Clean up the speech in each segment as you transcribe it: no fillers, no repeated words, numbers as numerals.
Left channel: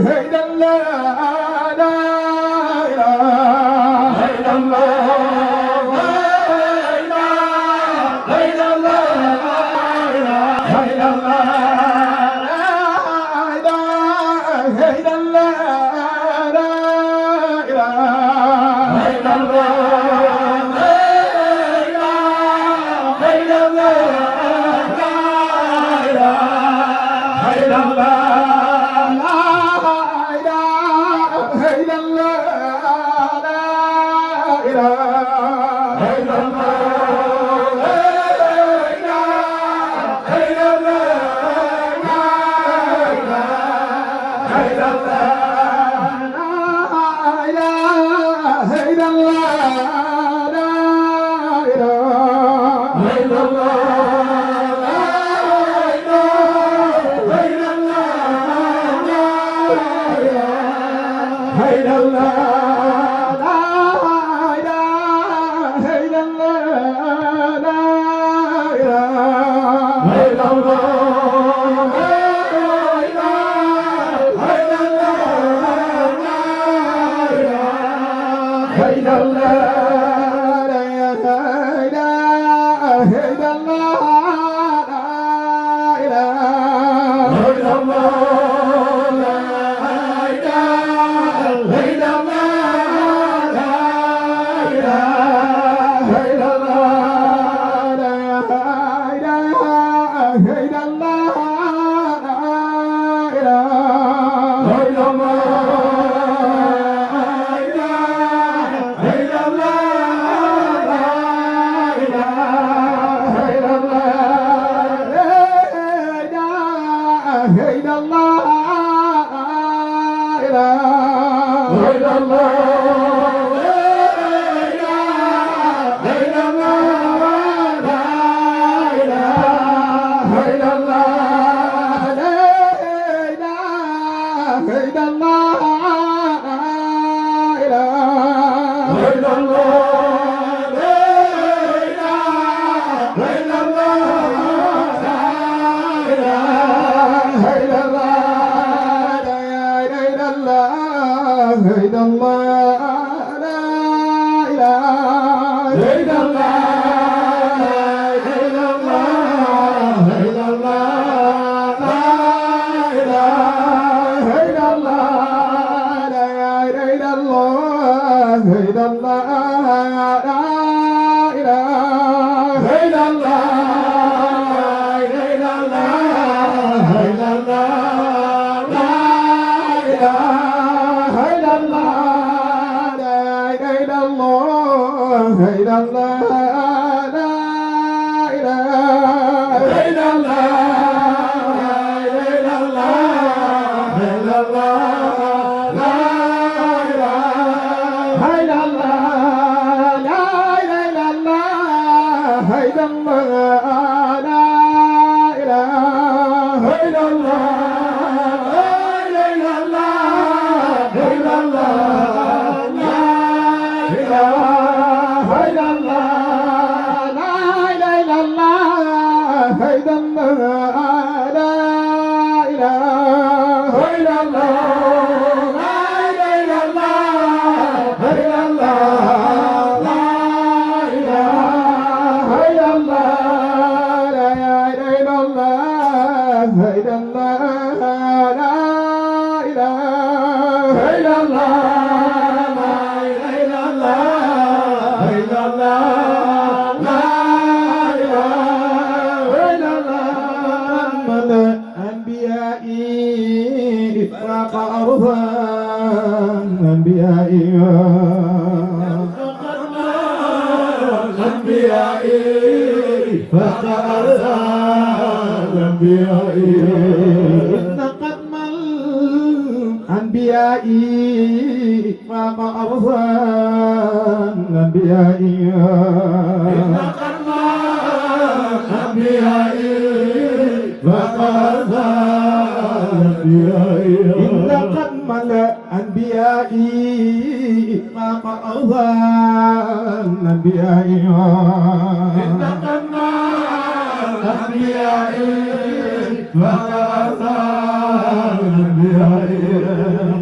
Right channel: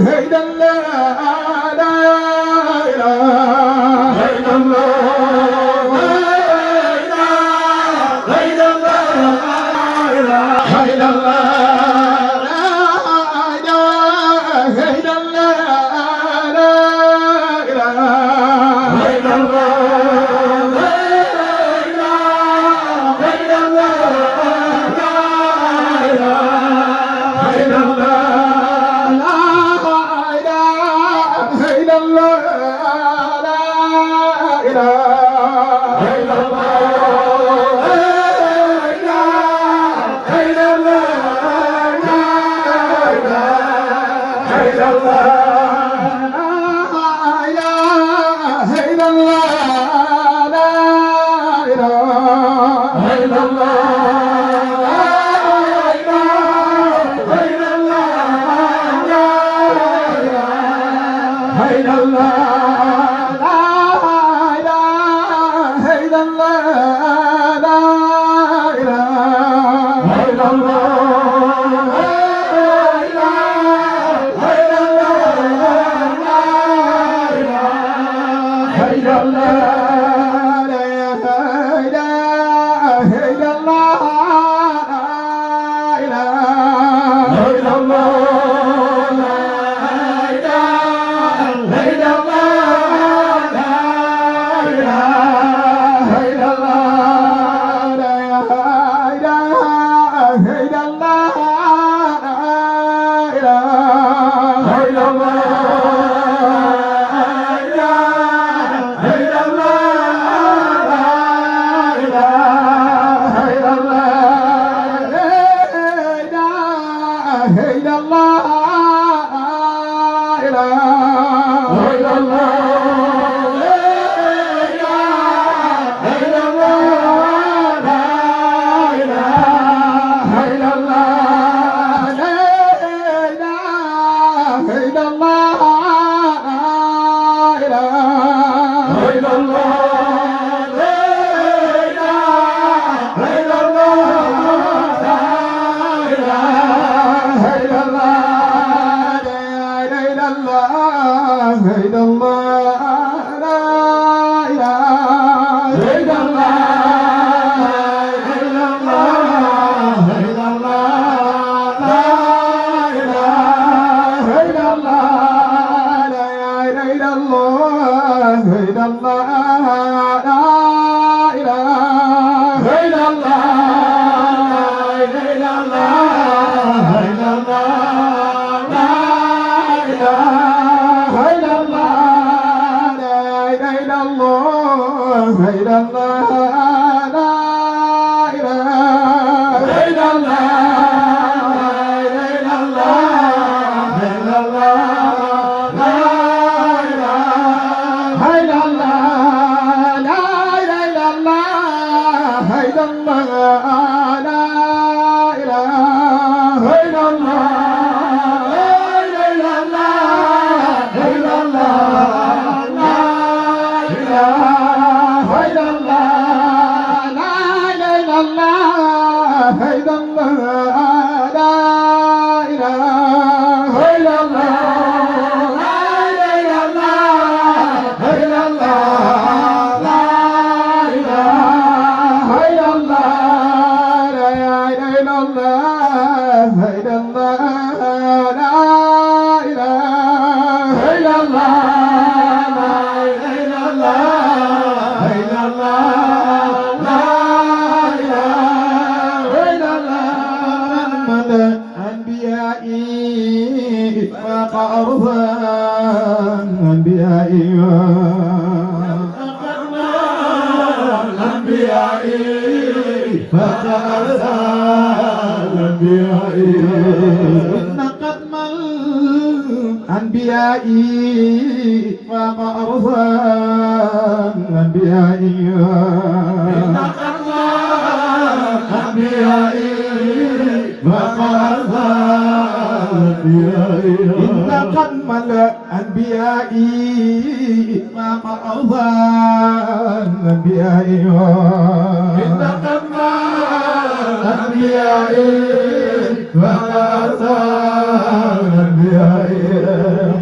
إلا الله لا إله إلا الله لا إله إلا الله لا إله إلا الله لا إله إلا الله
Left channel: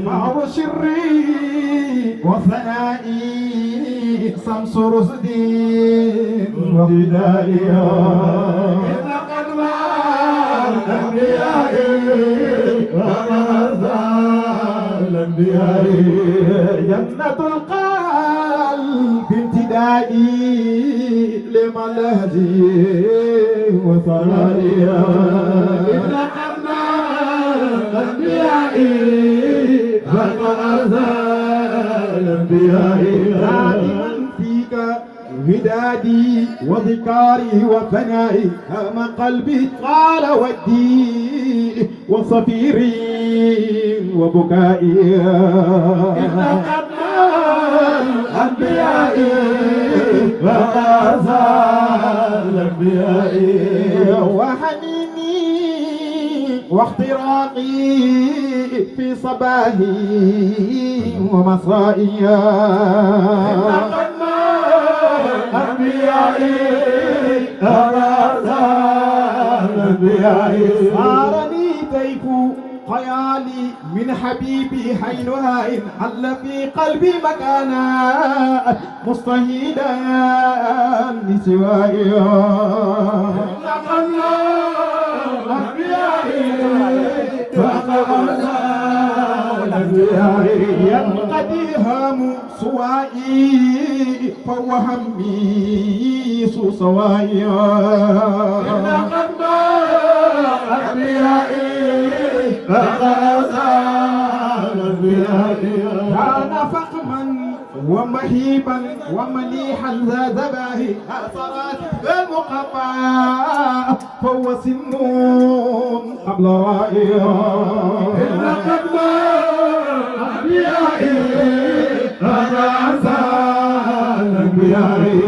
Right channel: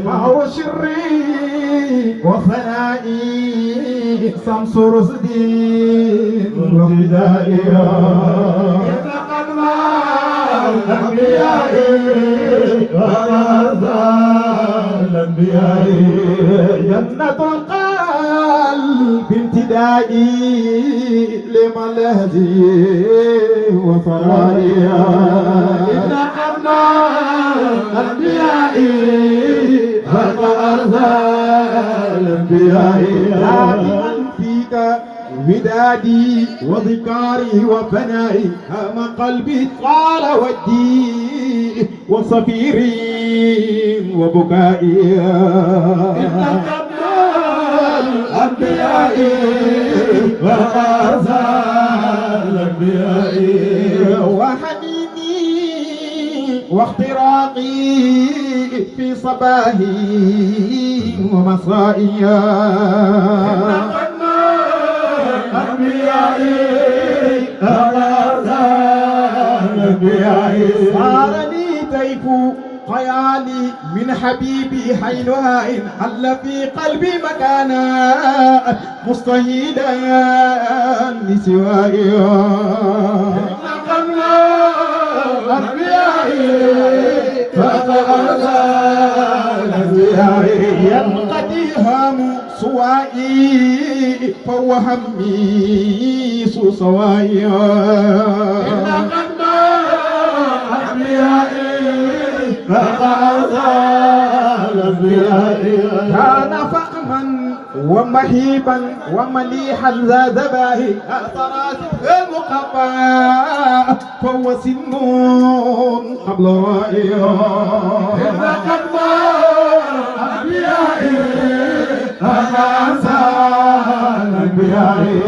فهو سري وثنائي شمس رشدي وهدائي إذ قد الأنبياء وغزا الأنبياء جنة القلب امتدائي لملهجي وثرائي إذ قد الأنبياء وغزا الأنبياء دائما فيك ودادي وذكاري وفنائي هم قلبي طال ودي وصفيري وبكائي إن قبل الأنبياء وغزا الأنبياء وحنيني واختراقي في صباحي ومسائي صارني طيف خيالي من حبيبي حينها إن حل في قلبي مكانا مستهيدا لسوائي ينقضي هام سوائي فهو همي سوائي إن قلب أنبيائي كان فخما ومهيبا ومليحا ذا ذباهي أثرات المقفى فهو سن قبل رائي إن قلب أنبيائي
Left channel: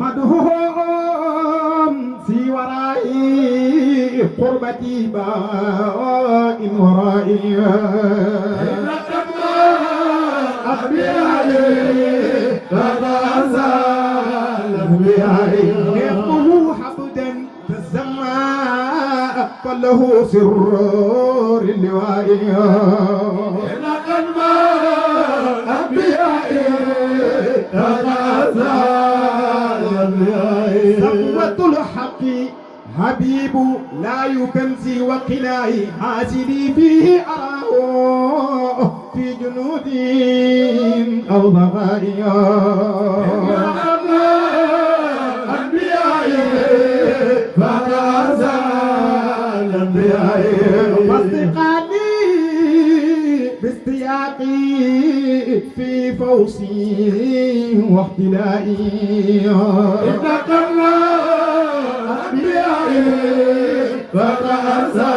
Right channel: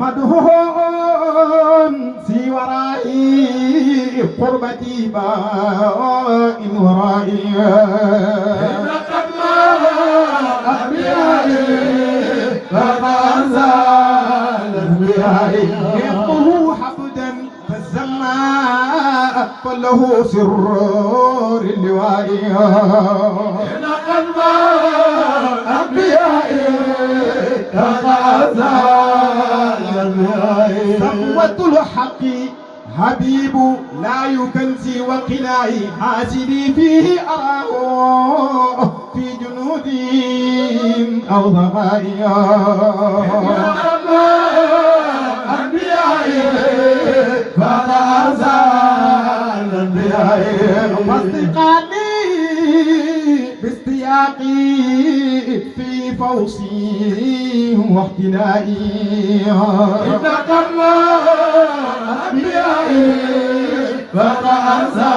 مدهون في ورائي قربتي بائن ورائي إن قبل أنبيائي يقه حقدا فالزماء فله سرور اللواء إن قلب أنبيائي صفوة الحق حبيب لا يكنسي وقلاي حاسدي فيه أراه في جنود أو ضغائي أنبيائي فغزا الأنبياء واستقالي باستياقي في فوزي واحتلائي إن قبل أنبيائي فغزا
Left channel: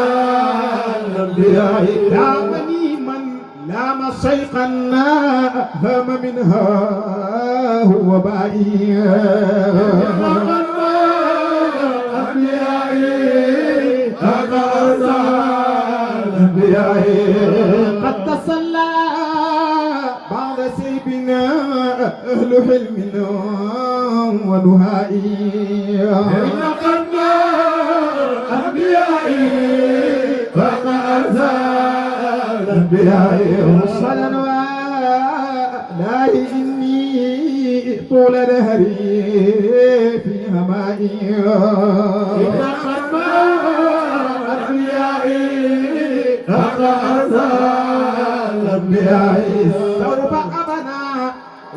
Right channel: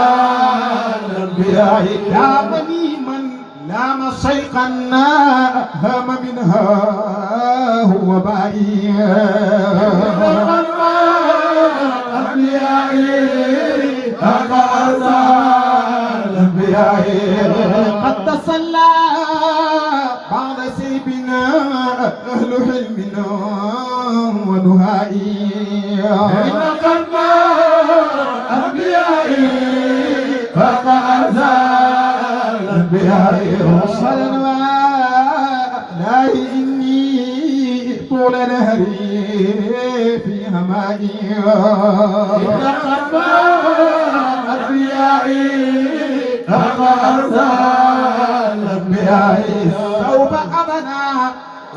الأنبياء لامني من لام شيخا هم منها هو بائي إن قبل أنبيائي فغزا الأنبياء قد تصلى بعد سيبنا أهل حلمنا ونهائي إن قلب أنبيائي فغزا الأنبياء صلى لا إني طول نهري في همائي إن قلب أنبيائي فغزا الأنبياء سوف أبنى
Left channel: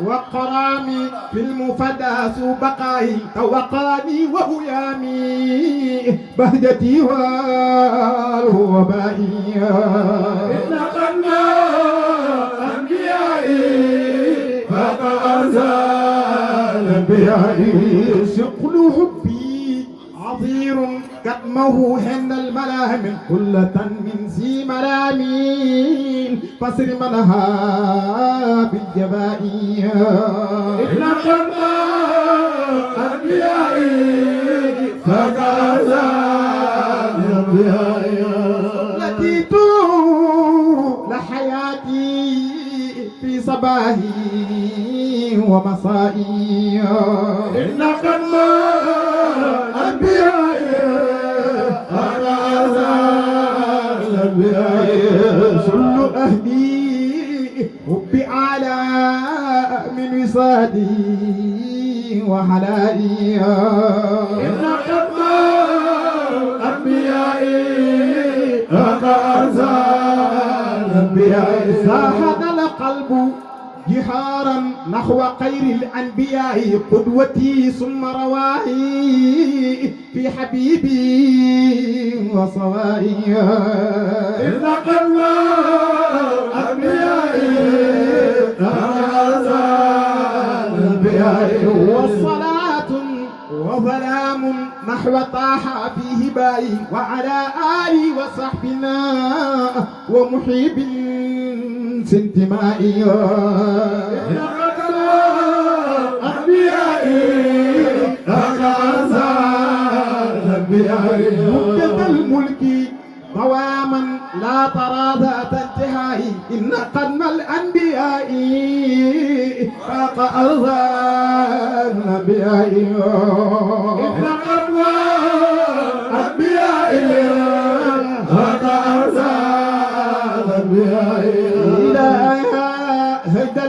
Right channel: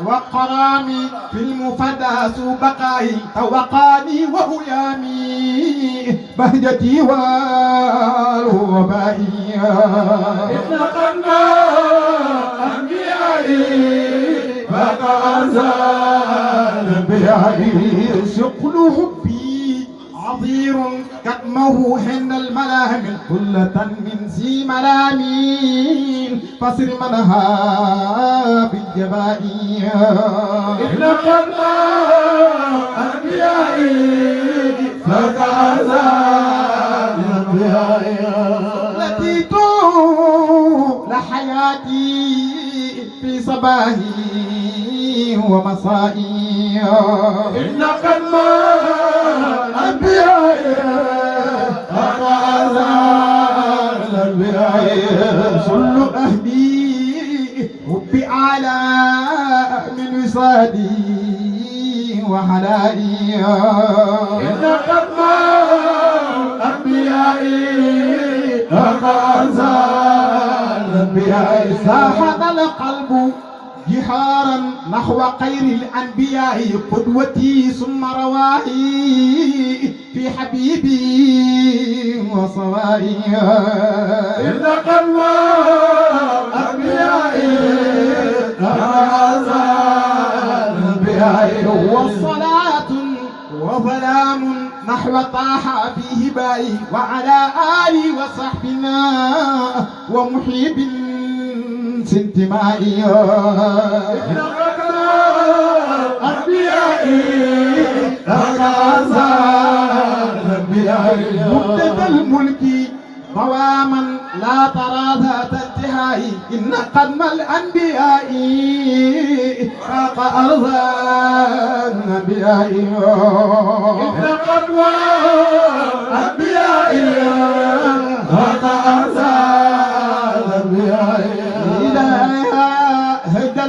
وقراني في المفدى بقائي توقاني وهيامي بهجتي والوبائي إن قلب أنبيائي فغزا الأنبياء شقل حبي عظير كتمه حين الملام كلة من ذي ملامين فسر منها بالجبائي إن قلب أنبيائي فغزا الأنبياء التي طول حياتي في صباحي ومسائي إن قلب أنبيائي فغزا الأنبياء أهلي حب أعلى من وصالي وحلائي إن قدم الأنبياء كأنزال الأنبياء ساحت القلب جهارا نحو خير الأنبياء قدوتي ثم رواهي في حبيبي وصوائي إن قدم الأنبياء كأنزال الأنبياء والصلاة وسلام نحو طه في هبائي وعلى آله وصحبنا ومحب سنتمائي إن قدم الأنبياء كأنزال الأنبياء مدة الملك قواما لا ترى ذات انتهاء إن قدم الأنبياء فاق أرضا الأنبياء إن قدم الأنبياء كأنزال الأنبياء إلى هدى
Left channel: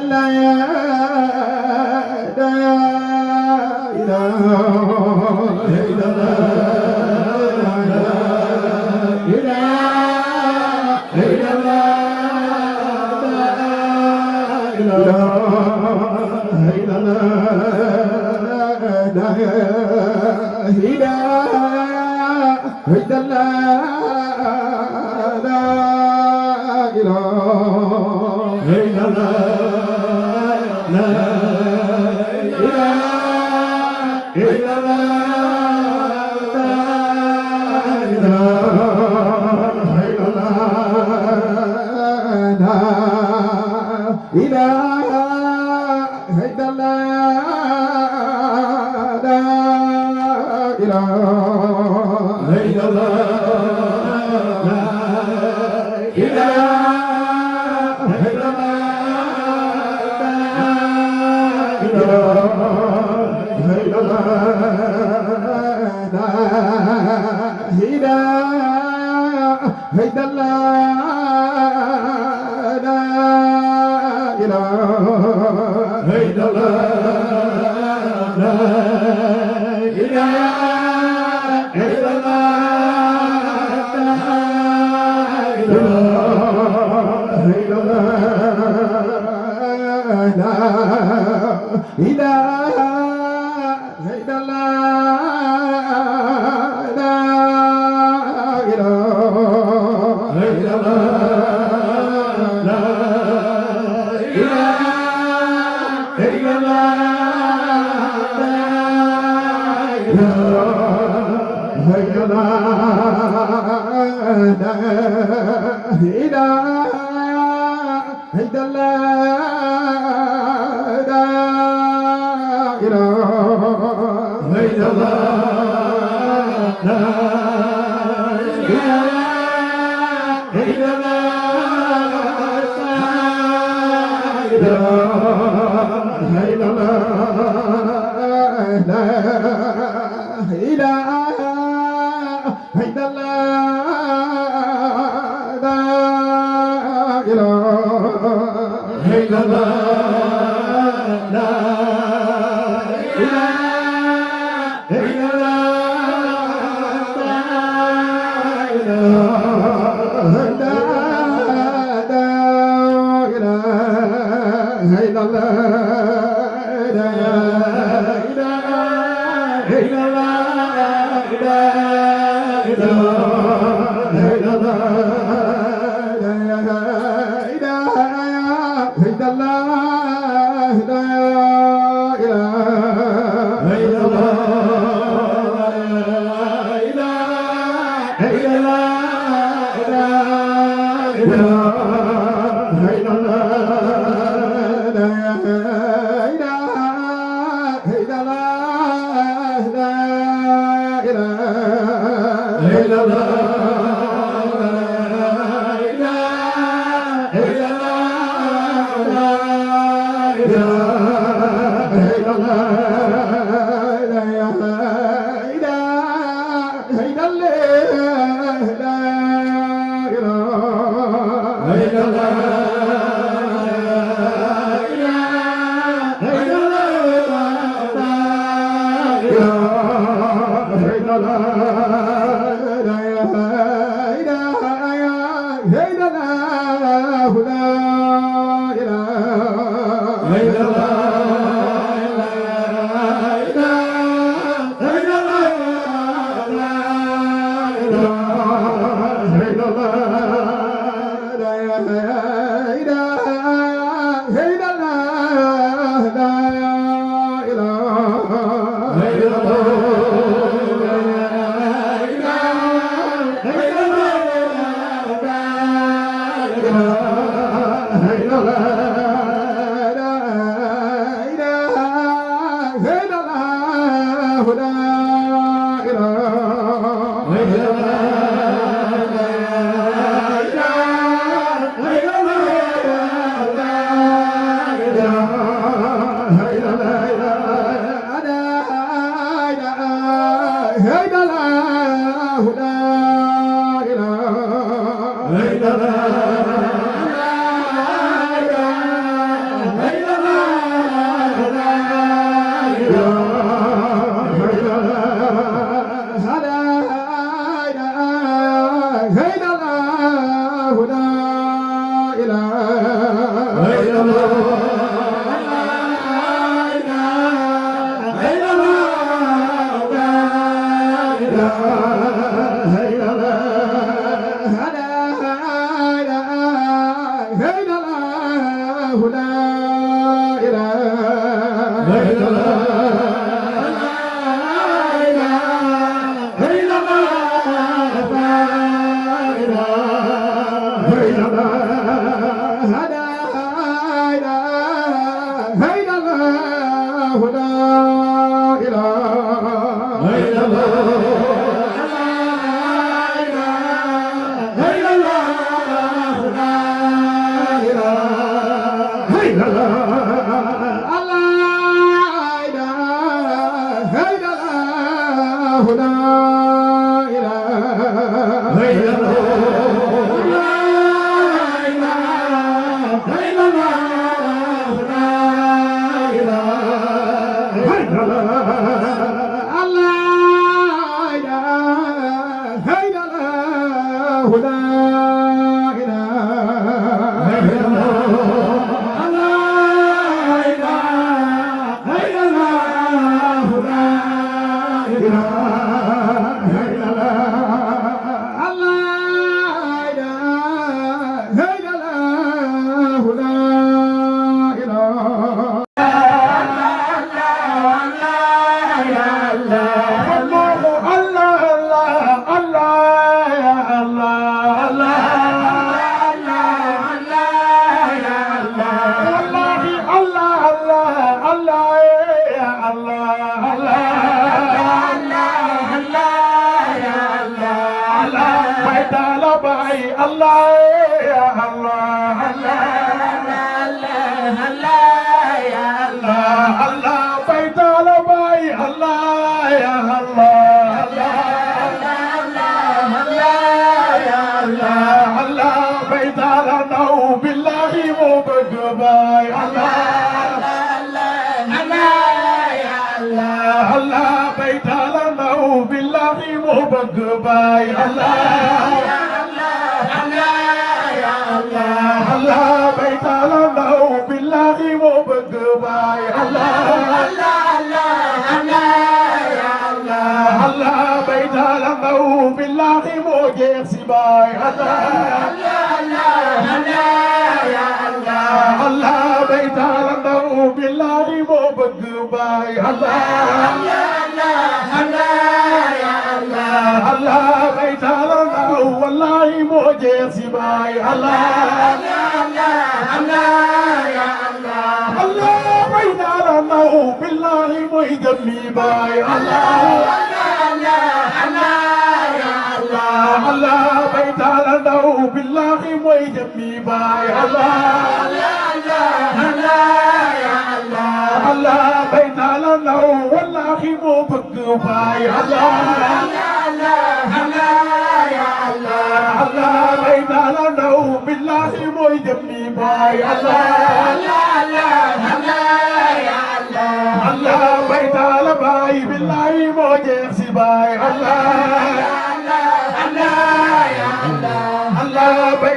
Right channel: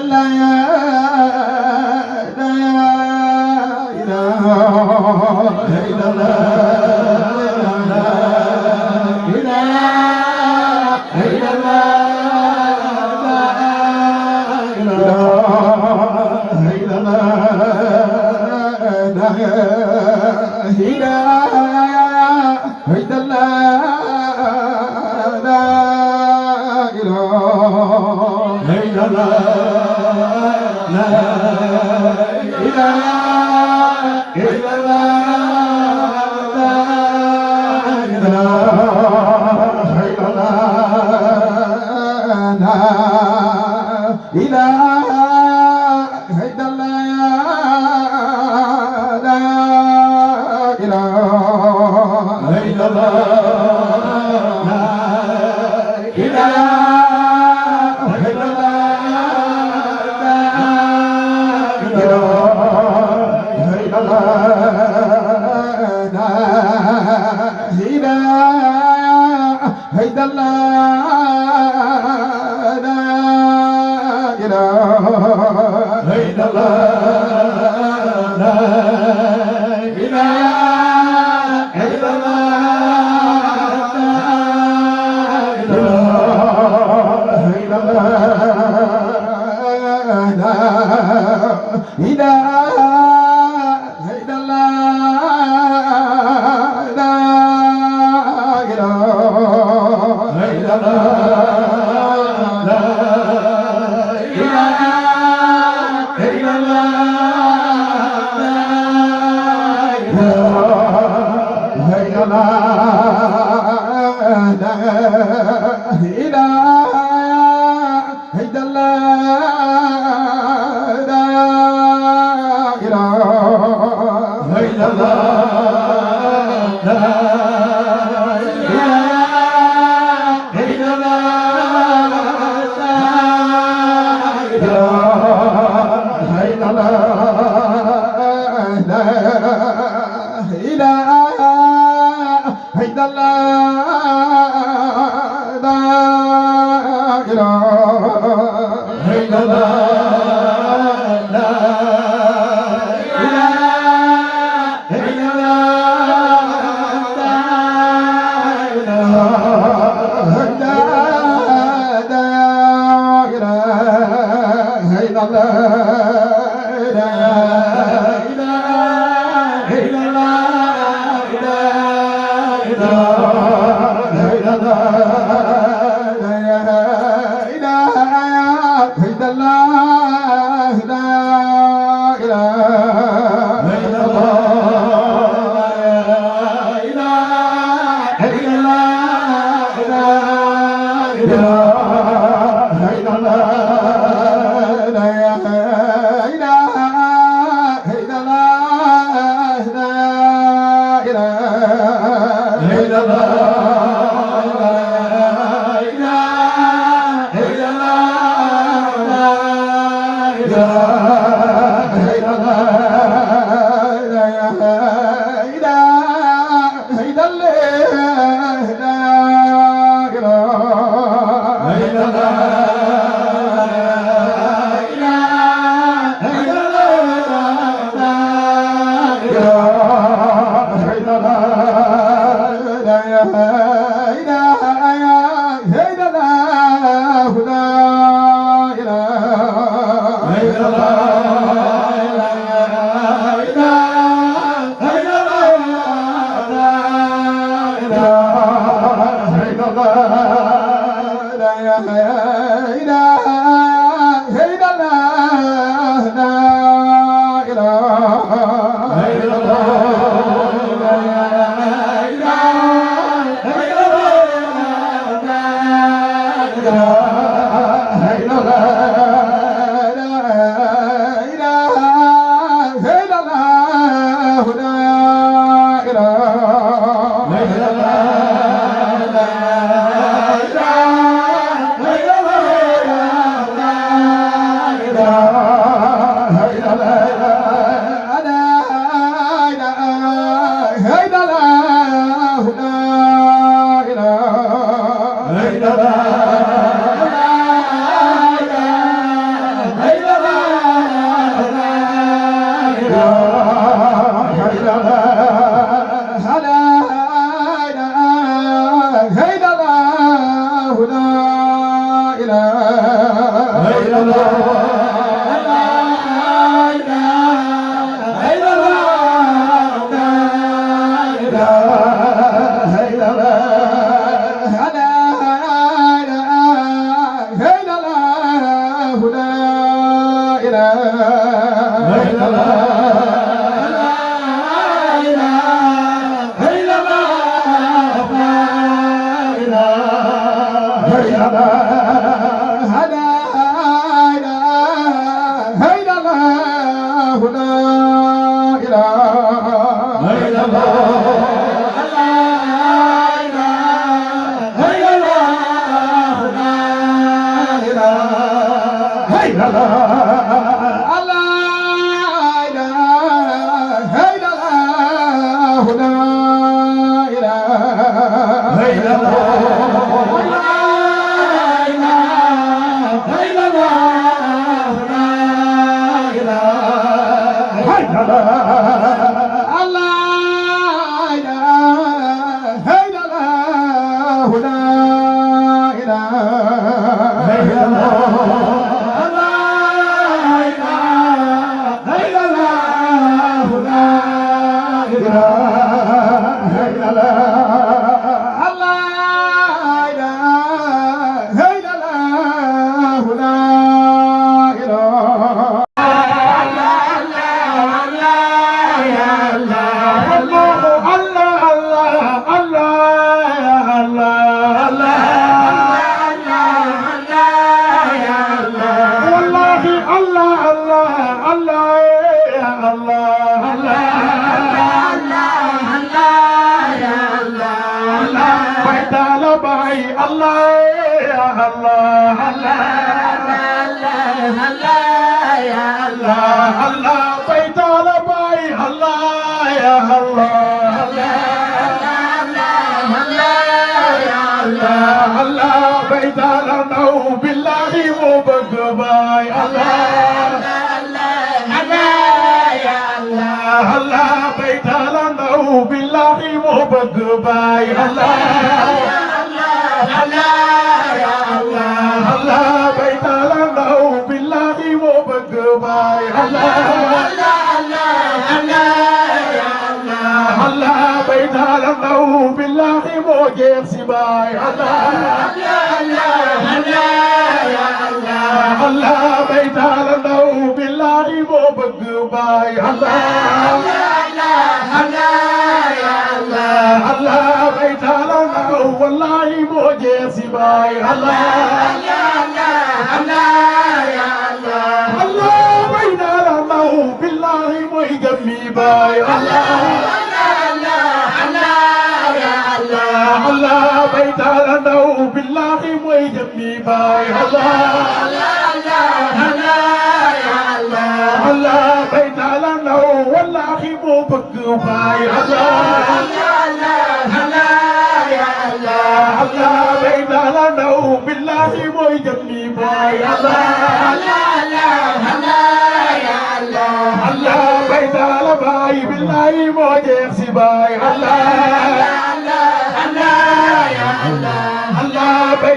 la Allah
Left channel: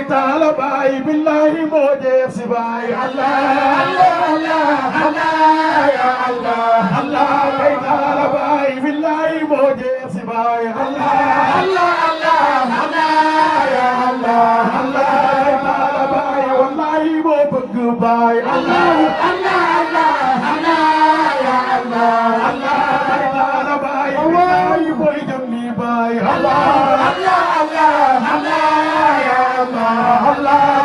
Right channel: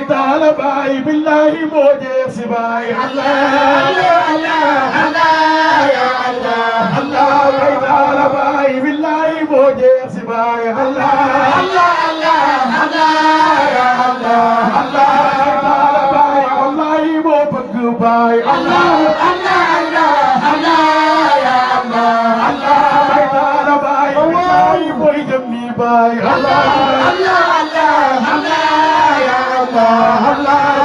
taala baay billahi moo jeex si baay Allah ya Allah bay taala baay billahi moo jeex si baay Allah ya Allah bay taala baay wallahi moo bëgg baay Allah bay taala baay billahi mooy jëm ni baay Allah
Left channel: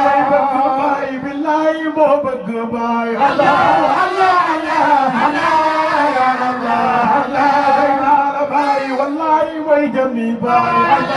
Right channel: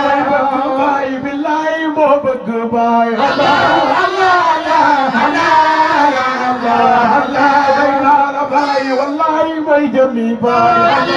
bay bëgg baay billahi moo bëgg baay Allah bay taala baay wallahi mooy jëm ni baay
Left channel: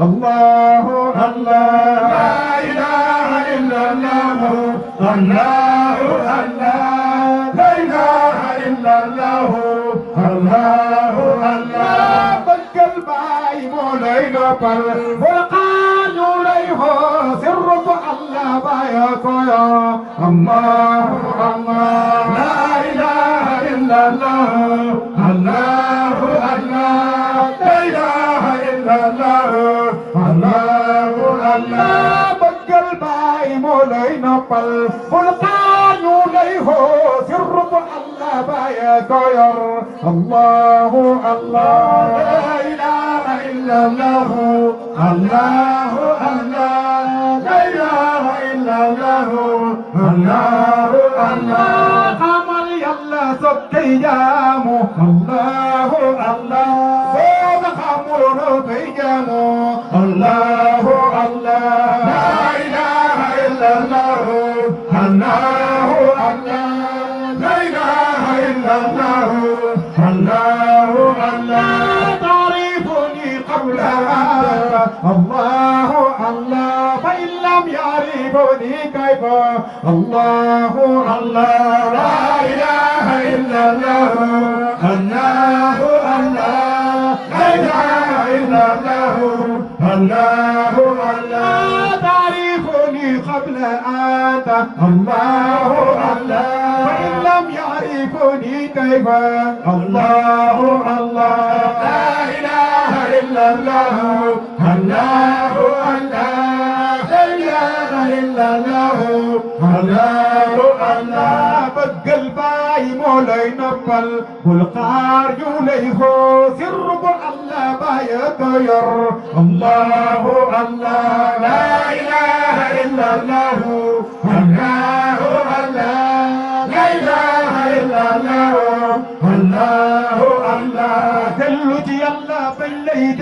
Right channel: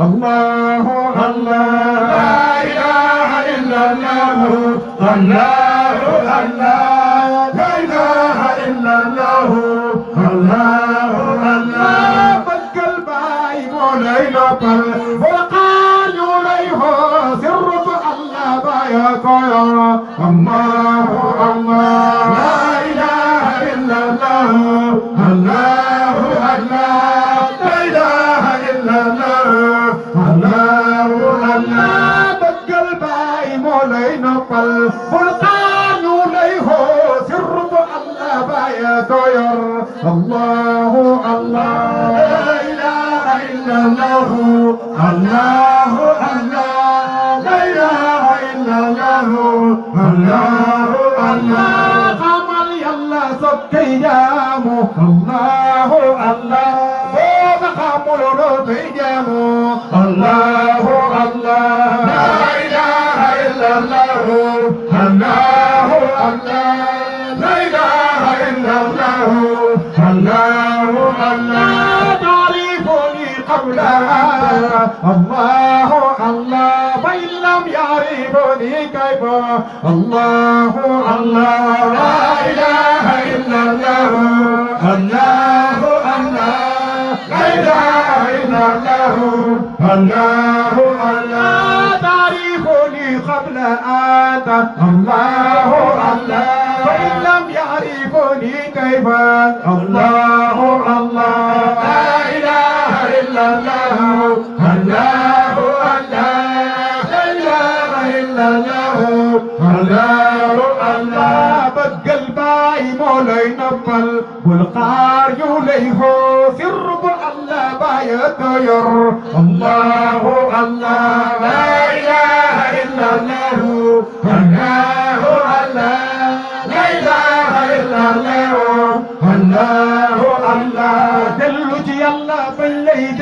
الله الله إلا الله الله الله لا إله إلا الله الله الله بقل باي مولاي نقل وقال يوليه سر الله بايا كويا الله الله لا إله إلا الله الله الله لا إله إلا الله الله الله بقل باي مولاي نقل وقال يوليه سر الله بايا كويا الله الله لا إله إلا الله الله الله لا إله إلا الله الله الله قمر يلا سكيامو الله الله صوم قمر رضيامو الله الله لا إله إلا الله الله الله لا إله إلا الله الله الله تعرفني قبل هذا الله الله فإن لم يعرفني كيف الله الله لا إله إلا الله الله الله لا إله إلا الله الله الله تعرفني قبل هذا الله الله فإن لم يعرفني كيف الله الله لا إله إلا الله الله الله لا إله إلا الله الله الله بقى الباي مولاي نبل والقار يوليه سر الله باي دير الله الله لا إله إلا الله الله الله لا إله إلا الله الله الله دلج يلا بالليل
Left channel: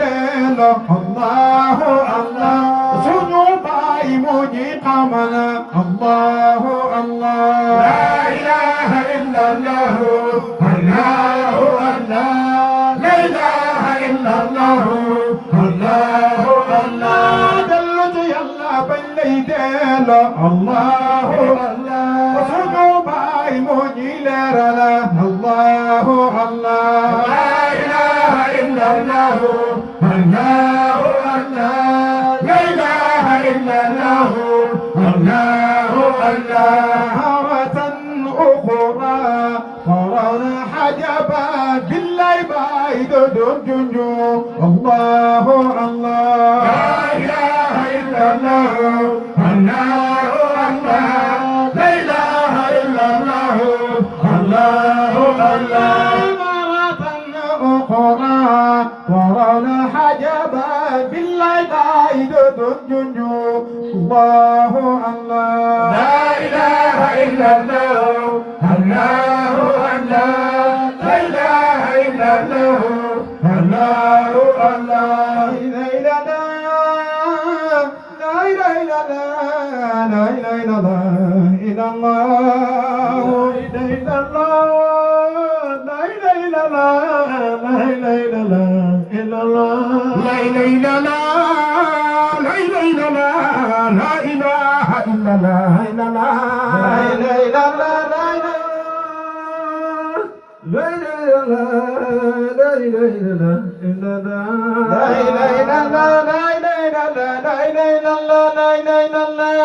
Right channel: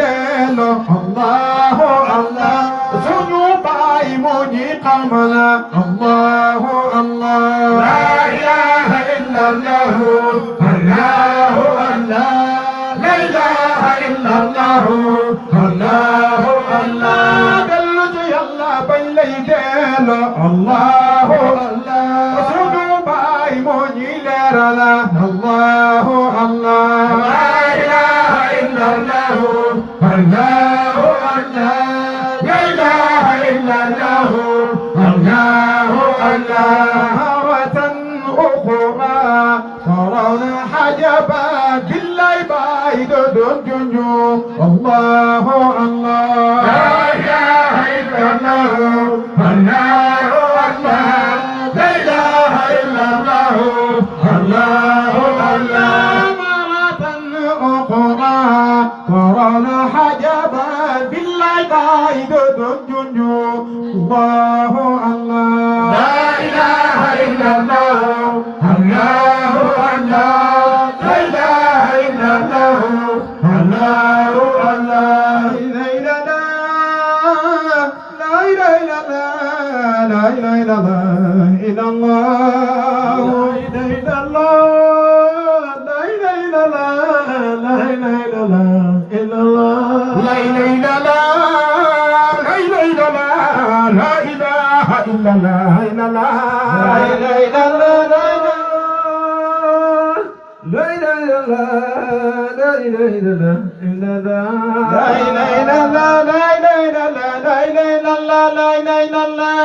الله الله سنو باي موني قملا الله الله لا إله إلا الله الله الله لا إله إلا الله الله الله دلج يلا بالليل الله الله سنو باي موني ليرنا الله الله لا إله إلا الله الله الله لا إله إلا الله الله الله هوة أخرى ترون حجبا بالله بعيد الجنجو الله الله لا إله إلا الله الله الله لا إله إلا الله الله الله مرة أخرى ترون حجبا بالله بعيد الجنجو الله الله لا إله إلا الله الله الله لا إله إلا الله الله الله لا إله إلا الله لا إله إلا الله إلا الله لا إله إلا الله لا إله إلا الله إلا الله لا إله إلا الله لا إله إلا الله لا إله إلا الله إلا الله لا إله إلا الله لا إله إلا الله لا إله إلا الله إلا الله لا إله إلا الله لا إله إلا الله لا إله إلا الله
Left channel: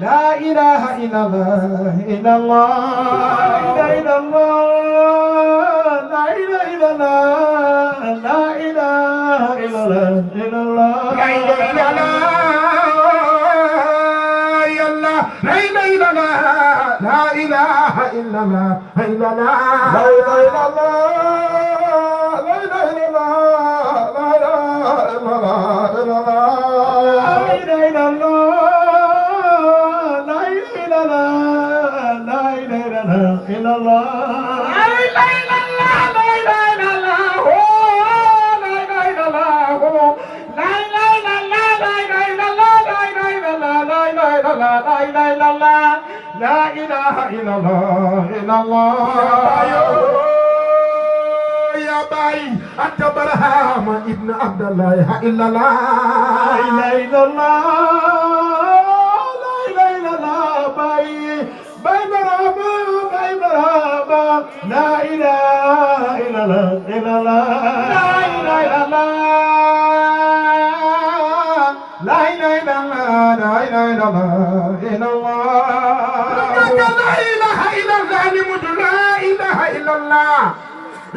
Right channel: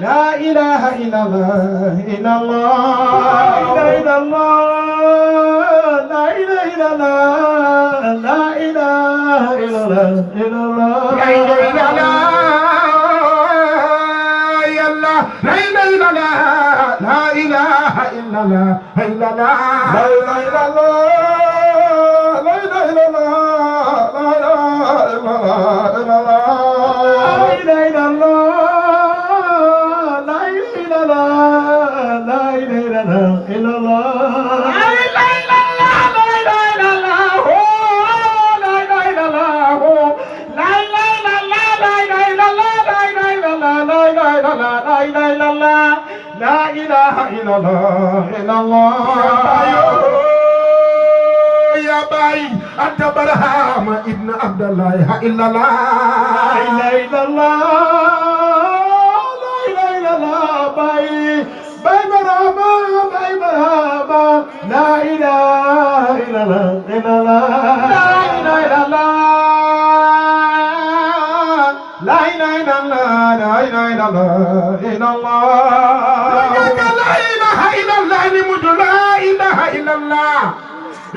لا إله إلا الله إلا الله لا إله إلا الله لا إله إلا الله لا إله إلا الله إلا الله لا إله إلا الله يا الله لا إله إلا الله لا إله إلا الله إلا الله لا إله إلا الله لا إله إلا الله لا إله إلا الله إلا الله لا إله إلا الله لا إله إلا الله لا إله إلا الله إلا الله لا إله إلا الله لا إله إلا الله لا إله إلا الله لا إله إلا الله لا إله إلا الله لا إله إلا الله لا إله إلا الله إلا الله يا باي أنت برهام ابن عبد الله إلا الله لا إله إلا الله لا إله إلا illallah Baye Barhama Baye Barhama la ilaha illallah la ilaha illallah la ilaha illallah la ilaha illallah la ilaha illallah li mujj la ilaha illallah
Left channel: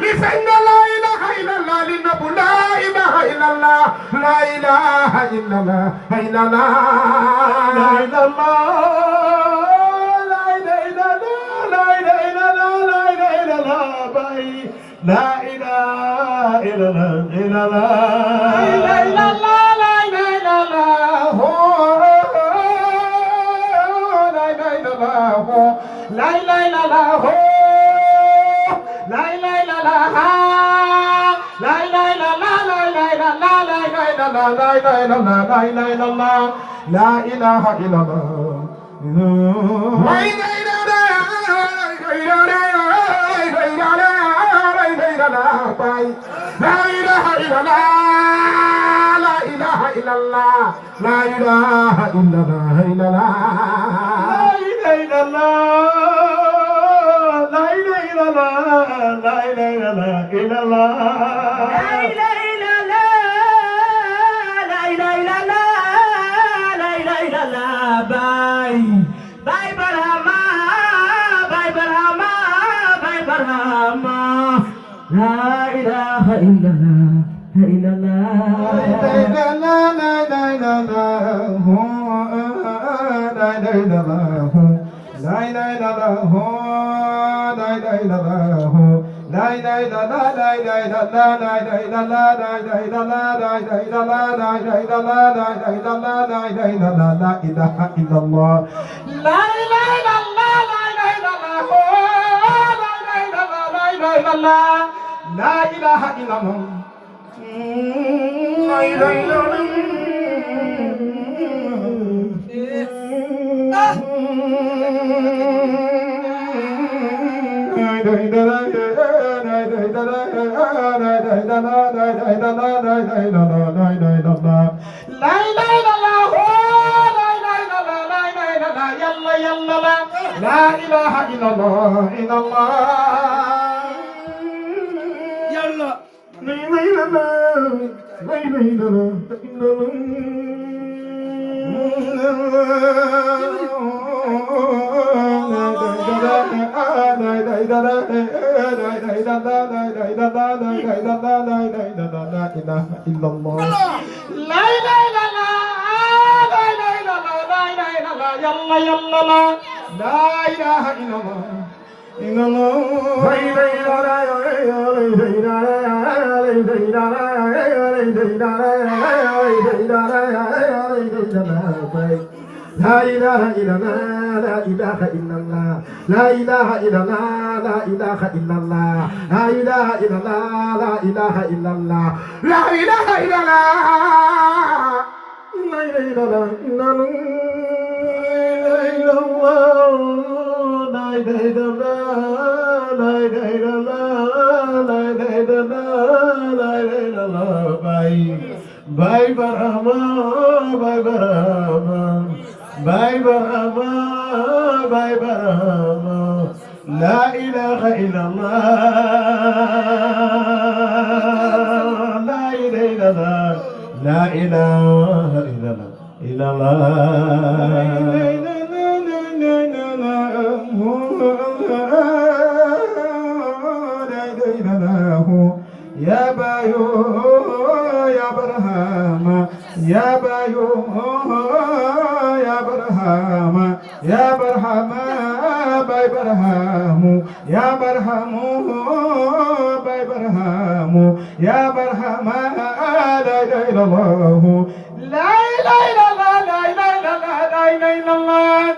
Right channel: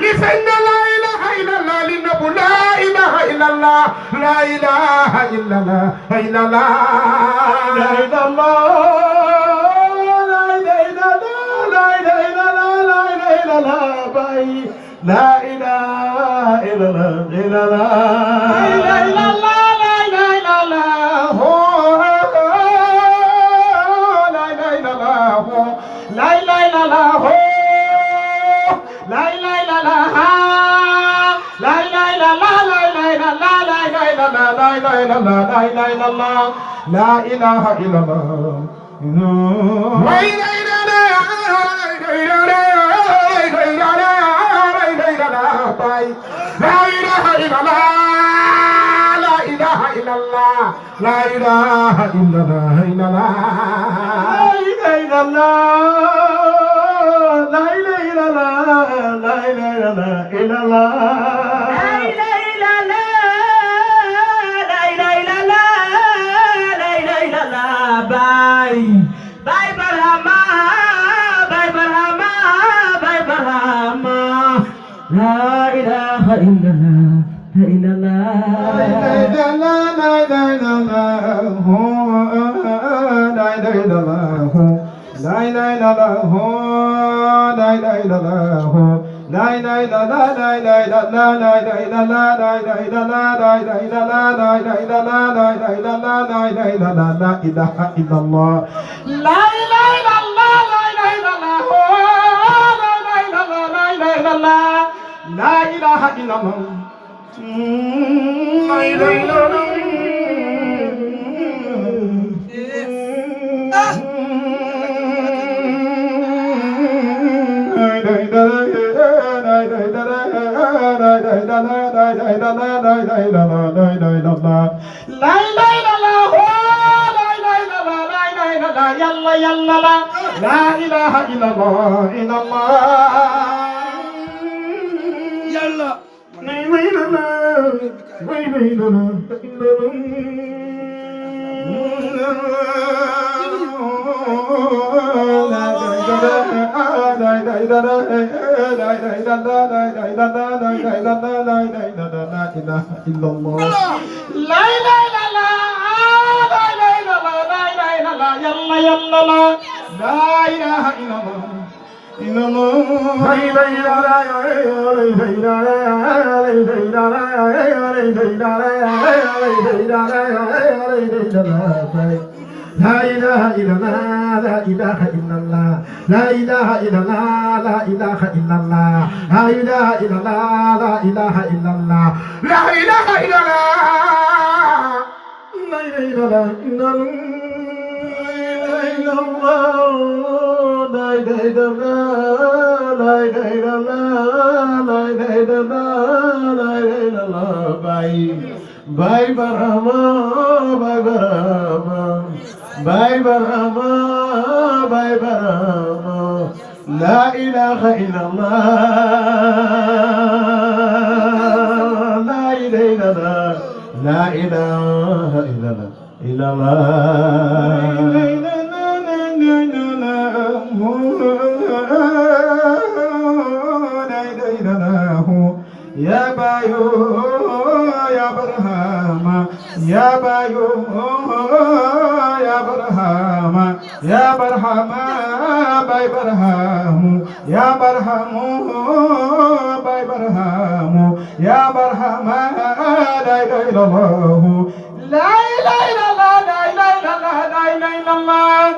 li feeñ la ilaha illallah li nëbbu la ilaha illallah la ilaha illallah la ilaha illallah la ilaha illallah Baye la ilaha illallah لا إله إلا الله لا إله إلا الله لا إله إلا الله لا إله إلا الله إلا الله لا إله إلا الله لا إله إلا الله Baye Barhama Baye Barhama Baye Barhama la ilaha illallah لا إله إلا الله لا إله إلا الله لا إله إلا الله لا إله إلا الله لا إله إلا الله لا إله إلا الله لا إله إلا الله لا إله إلا الله لا إله إلا الله لا إله إلا الله لا إله إلا الله لا إله إلا الله Baye Barhama Baye Barhama Baye Barhama Baye Barhama la ilaha illallah la ilaha illallah ya Bayo ya Barhama ya Bayo ya Barhama ya Barhama Baye Barhamu ya Barhamu Baye Barhamu ya Barhama la ilaha illallah la ilaha illallah la ilaha illallah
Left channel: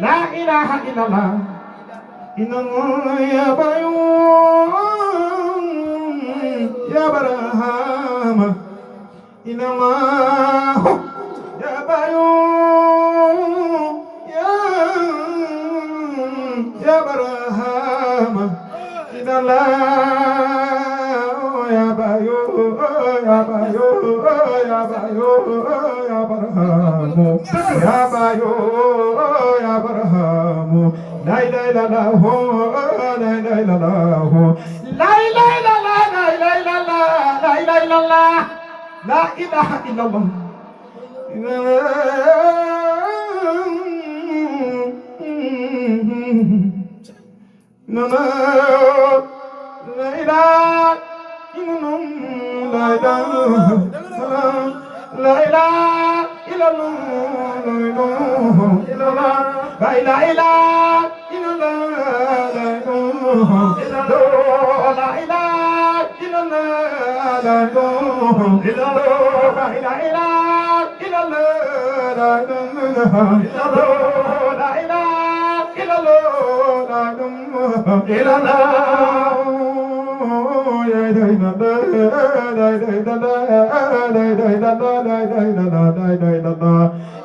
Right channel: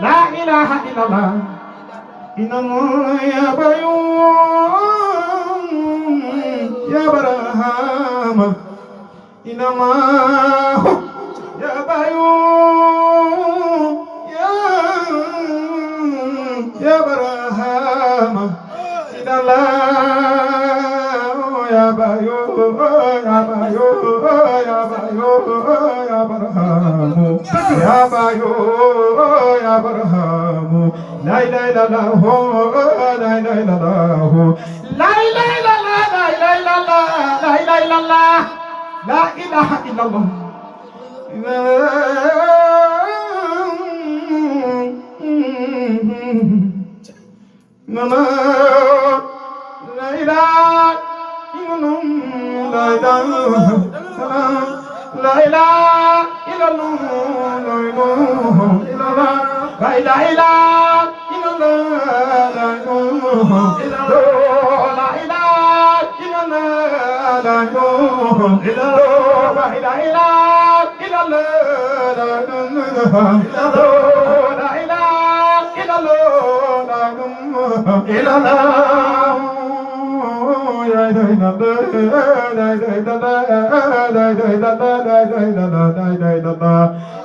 la ilaha illallah إنما يا بيوم يا برهام إنما يا بيوم يا برهام إنما يا بيوم يا بيوم يا بيوم يا برهام يا بيوم يا برهام لا إله إلا الله لا إله إلا الله لا إله إلا الله لا إله إلا الله لا إله إلا الله لا إله إلا الله لا إله إلا الله لا إله إلا الله لا إله إلا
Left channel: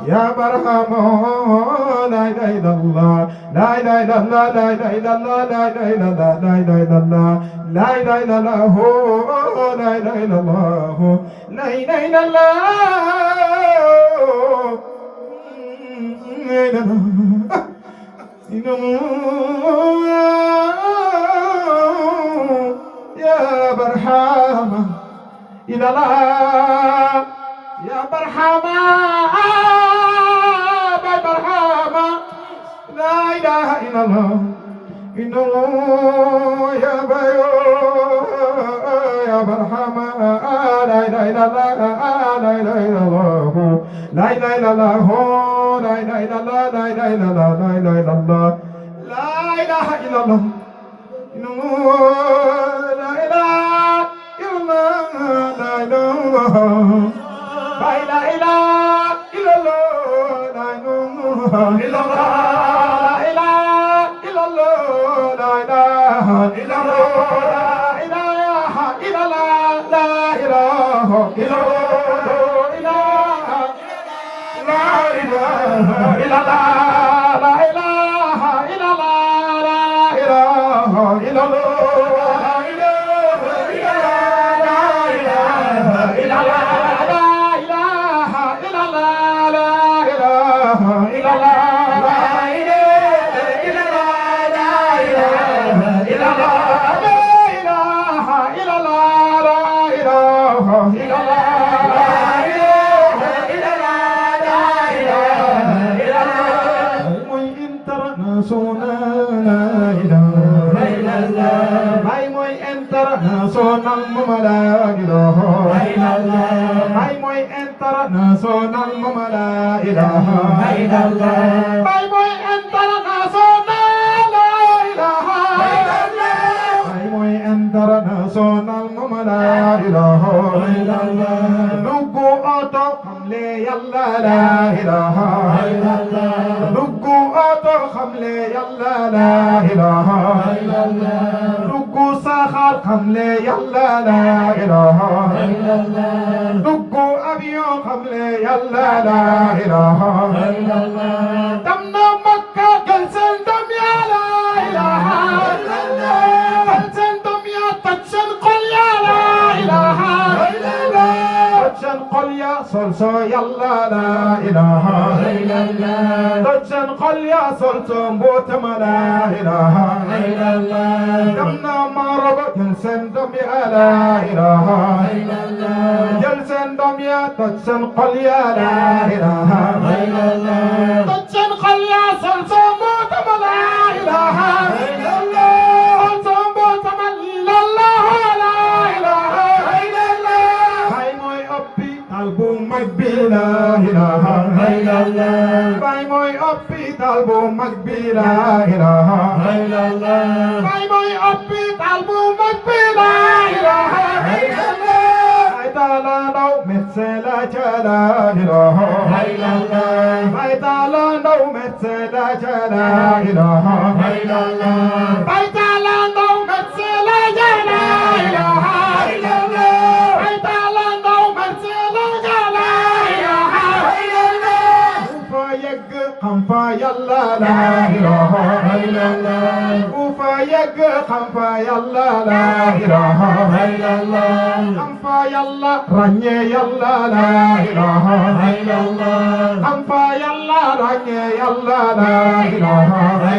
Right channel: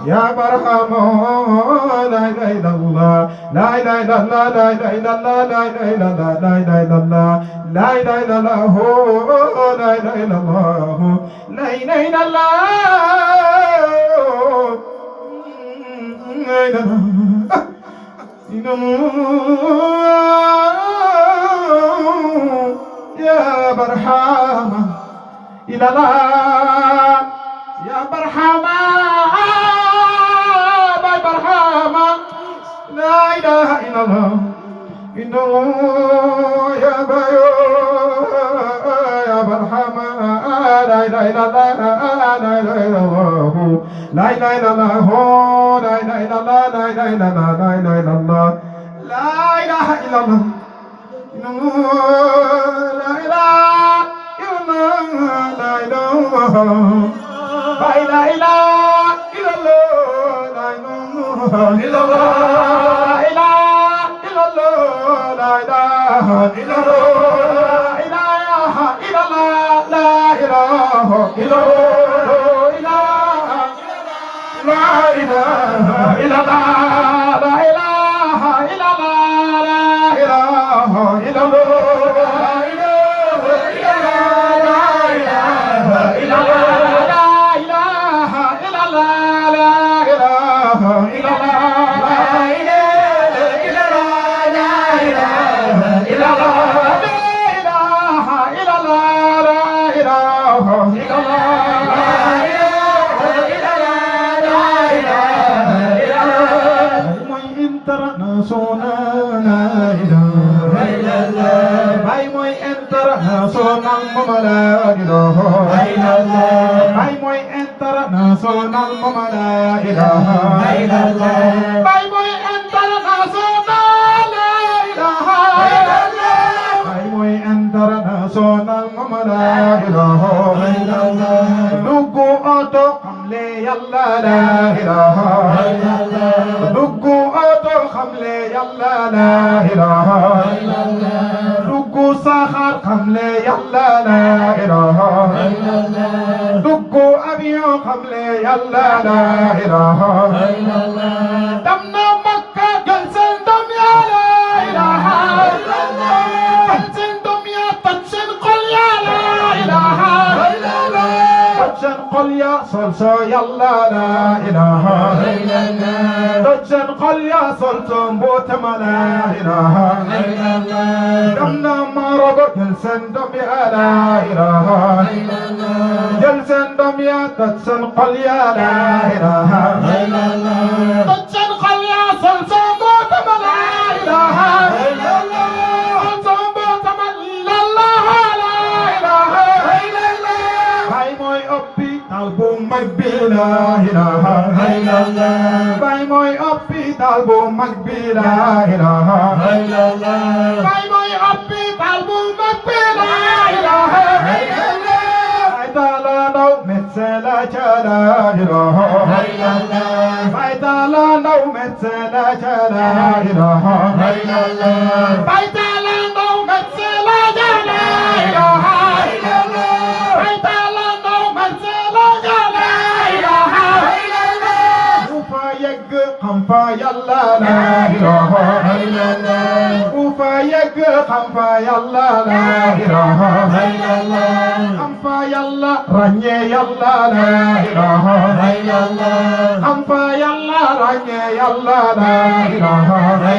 يا برهام لا إله إلا الله لا إله إلا الله لا إله إلا الله لا إله إلا الله لا إله إلا الله لا إله إلا الله لا إله إلا الله لا إله إلا الله يا برهام إلى الله يا برهام لا إله إلا الله إن الله يا بيو يا برحمة لا إله إلا الله لا إله إلا الله لا إله إلا الله لا إله إلا الله لا إله إلا الله لا إله إلا الله لا إله إلا الله إن الله لا إله إلا الله لا إله إلا الله لا إله إلا الله لا إله إلا الله بيت لندو مثل لا إله إلا الله بيت لندو مثل لا إله إلا الله وفايق خنفا يلا لا إله إلا الله وفايق خنفا يلا لا إله إلا الله خنفا يلا رني يلا لا إله إلا الله خنفا يلا رني يلا لا إله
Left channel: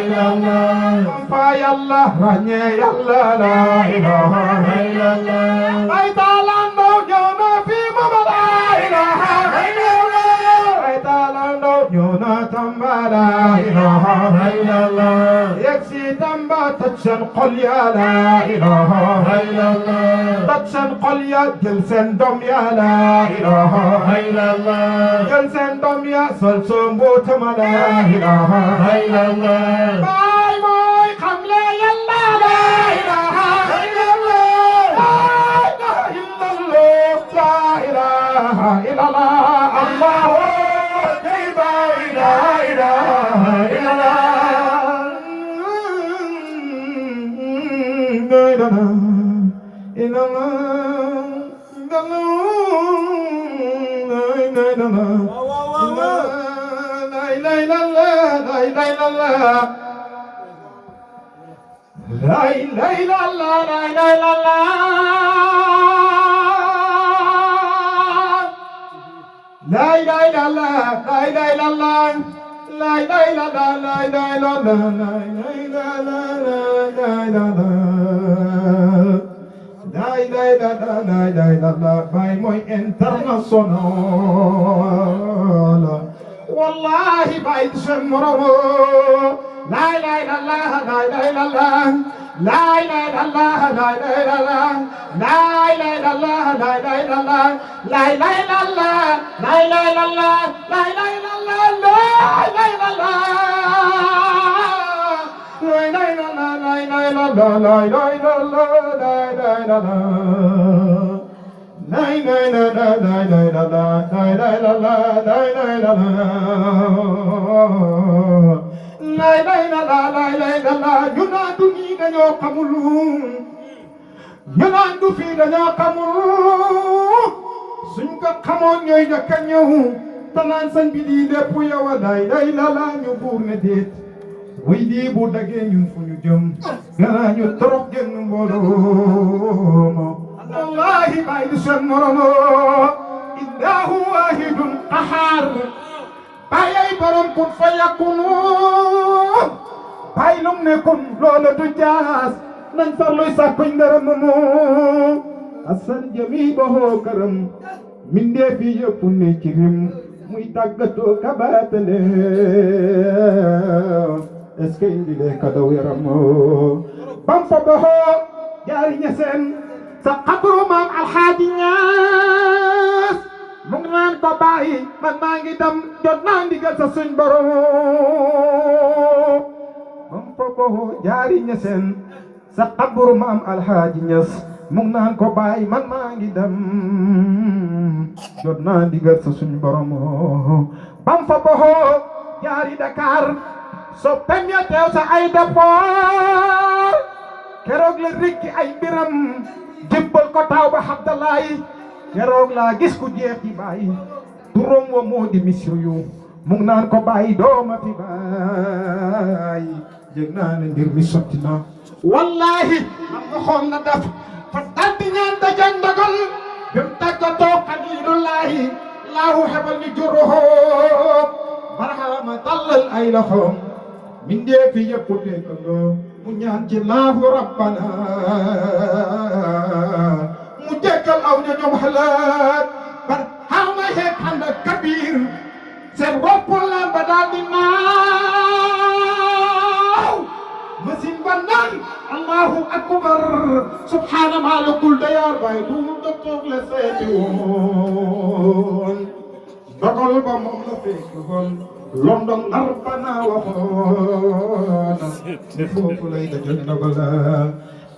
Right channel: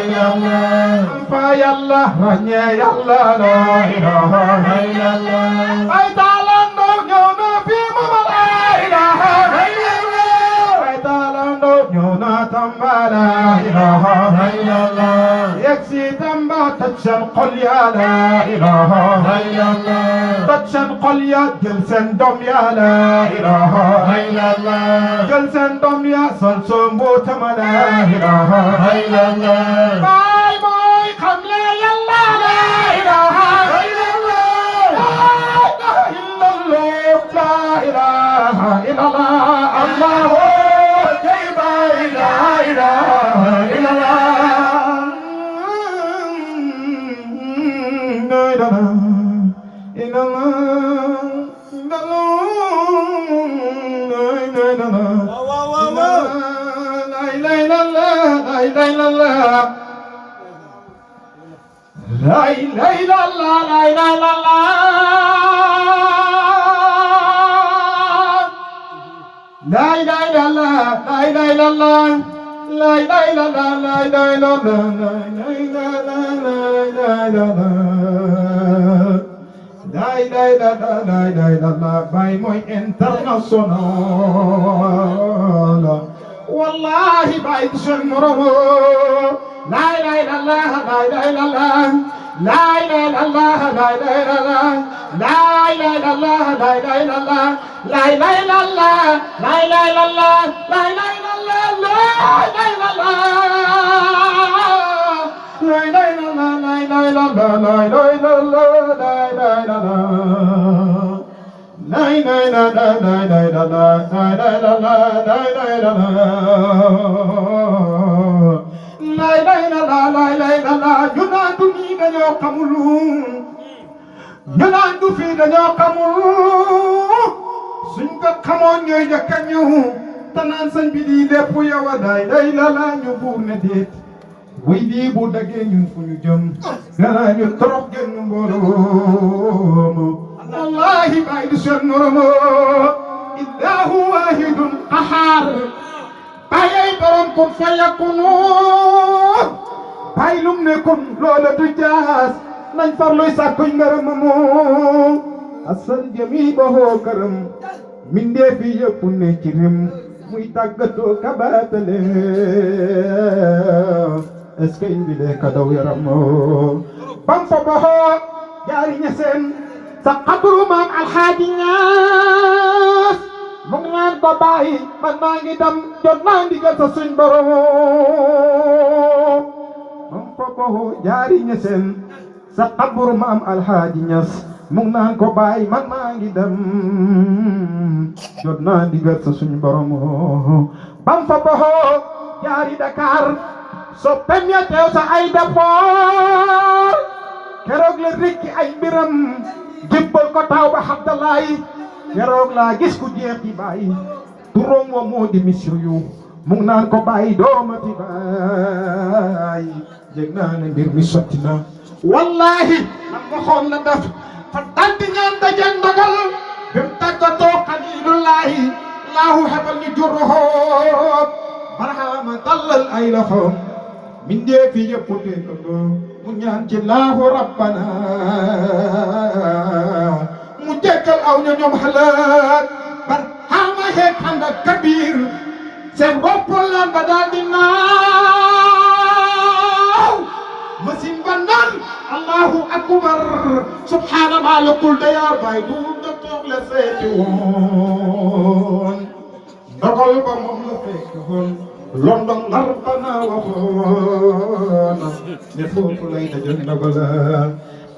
إلا الله خنفا يلا رني يلا لا إله إلا الله بيت لندو يوم في مبلا لا إله إلا الله بيت لندو يونا تنبا لا إله إلا الله يكسي تنبا تتشن قل يا لا إله إلا الله تتشن قل يا جلسن دم يا لا إله إلا الله جلسن دم يا سلسن بوتم لا إله إلا الله باي موي خملة يلا لا إله إلا الله لا إله إلا الله الله لا إله إلا By my international والله بعيد شمره لا إله إلا الله لا إله إلا الله لا إله إلا الله لا إله إلا الله لا إله إلا الله لا إله إلا الله لا إله إلا الله لا إله إلا الله لا إله إلا الله لا إله إلا الله لا إله إلا الله لا إله إلا الله لا إله إلا الله لا إله إلا الله لا إله إلا الله لا إله إلا الله لا إله إلا الله لا إله إلا الله ينادني dañoo xamul ñu naan du fii dañoo xamul suñ ko xamoon ñooy njëkk a ñëw te naan sañ bi di lépp yow a day day la la ñu buur ne déet way lii bu daggee ñun fu ñu jëm danaa ñu trop jënd mbooloo والله ما يسر مرمو إله واحد قهار باي برم كن فيكون باي لمنكم لولا تجاهز من فرلو يساكن مرمو أصل جميبه كرم من دي في يكون كرم ميتاقتو كباتل اسكين بلي كدو يرمو بمفبه جاري نسن سقبرو مام الحادي ناس مغنان كباي من مانجي دم جدنان ديگل سسن برو نمفقه جاري نسن سقبرو مام الحادي ناس مغنان كباي من مانجي دم جدنان ديگل سسن برو بمفقه جاري دكار سوپم يا تيو سا اي دفار keroog la rekki ay mbiram jébbal ko taw ba Abdalaay keroog laa gis ku jeex di bàyyi turam wa moo di misru yu mu ngi naan ko bàyyi dooma fi bàyyi jég naa ne mbir mi sotti na wallahi man nga xool la def fa daldi ñaan dajeeg ndogal bi mu tàggatoo xalilullahi laahu xebal ñu juróom barahama tallal ay loxoom min dee fi yëpp dégg mu ñaan ci laahu rabbana mu jéggal aw ña ñoom xalaat bar xaama xeeg ànd ak kabir seen bopp laan ba daal di naaw machine ba naan allahu akbar subhaana maalikul dayaar bay du docteur la seeti woon dogal ba moom la fekk woon London arbana waxoon ne foofu lay dajal ndabala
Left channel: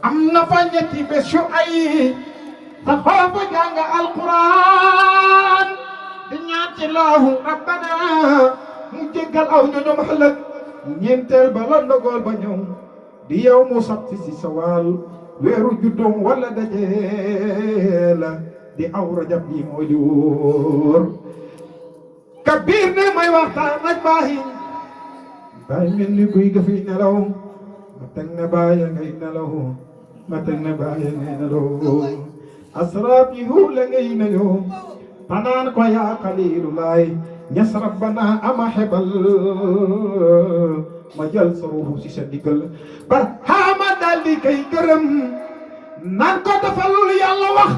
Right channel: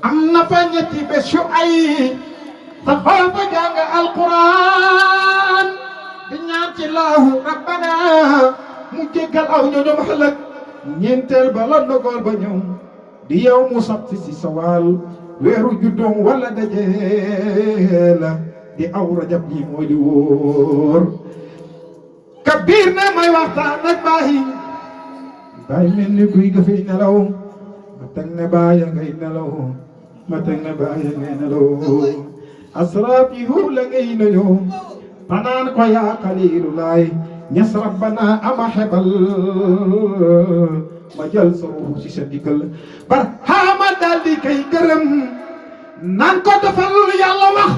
am na fa ñetti bés yu ay te foofa jàng alquran di ñaan ci laahu rabbana mu jéggal aw ñoñom xalak ñeenteel ba la ndogal ba ñëw di yow mu sabti si sawaal weeru juddoom wala dajee la di aw rajab yi moo di wóor Kabir ne may waxtaan ak bàyyi bàyyi mel ni kuy gëfi nelaw ma teg ne bàyyi ngay nelaw ma teg ne bàyyi ngay nelaw asraab yi huur la ngay nuyoo fanaan ko yaa xaliilulaay ñas rabbana ama xebal ma jël sa ruuxu si sa diggal bar xaama daal di kay gërëm naan ko defal yàlla wax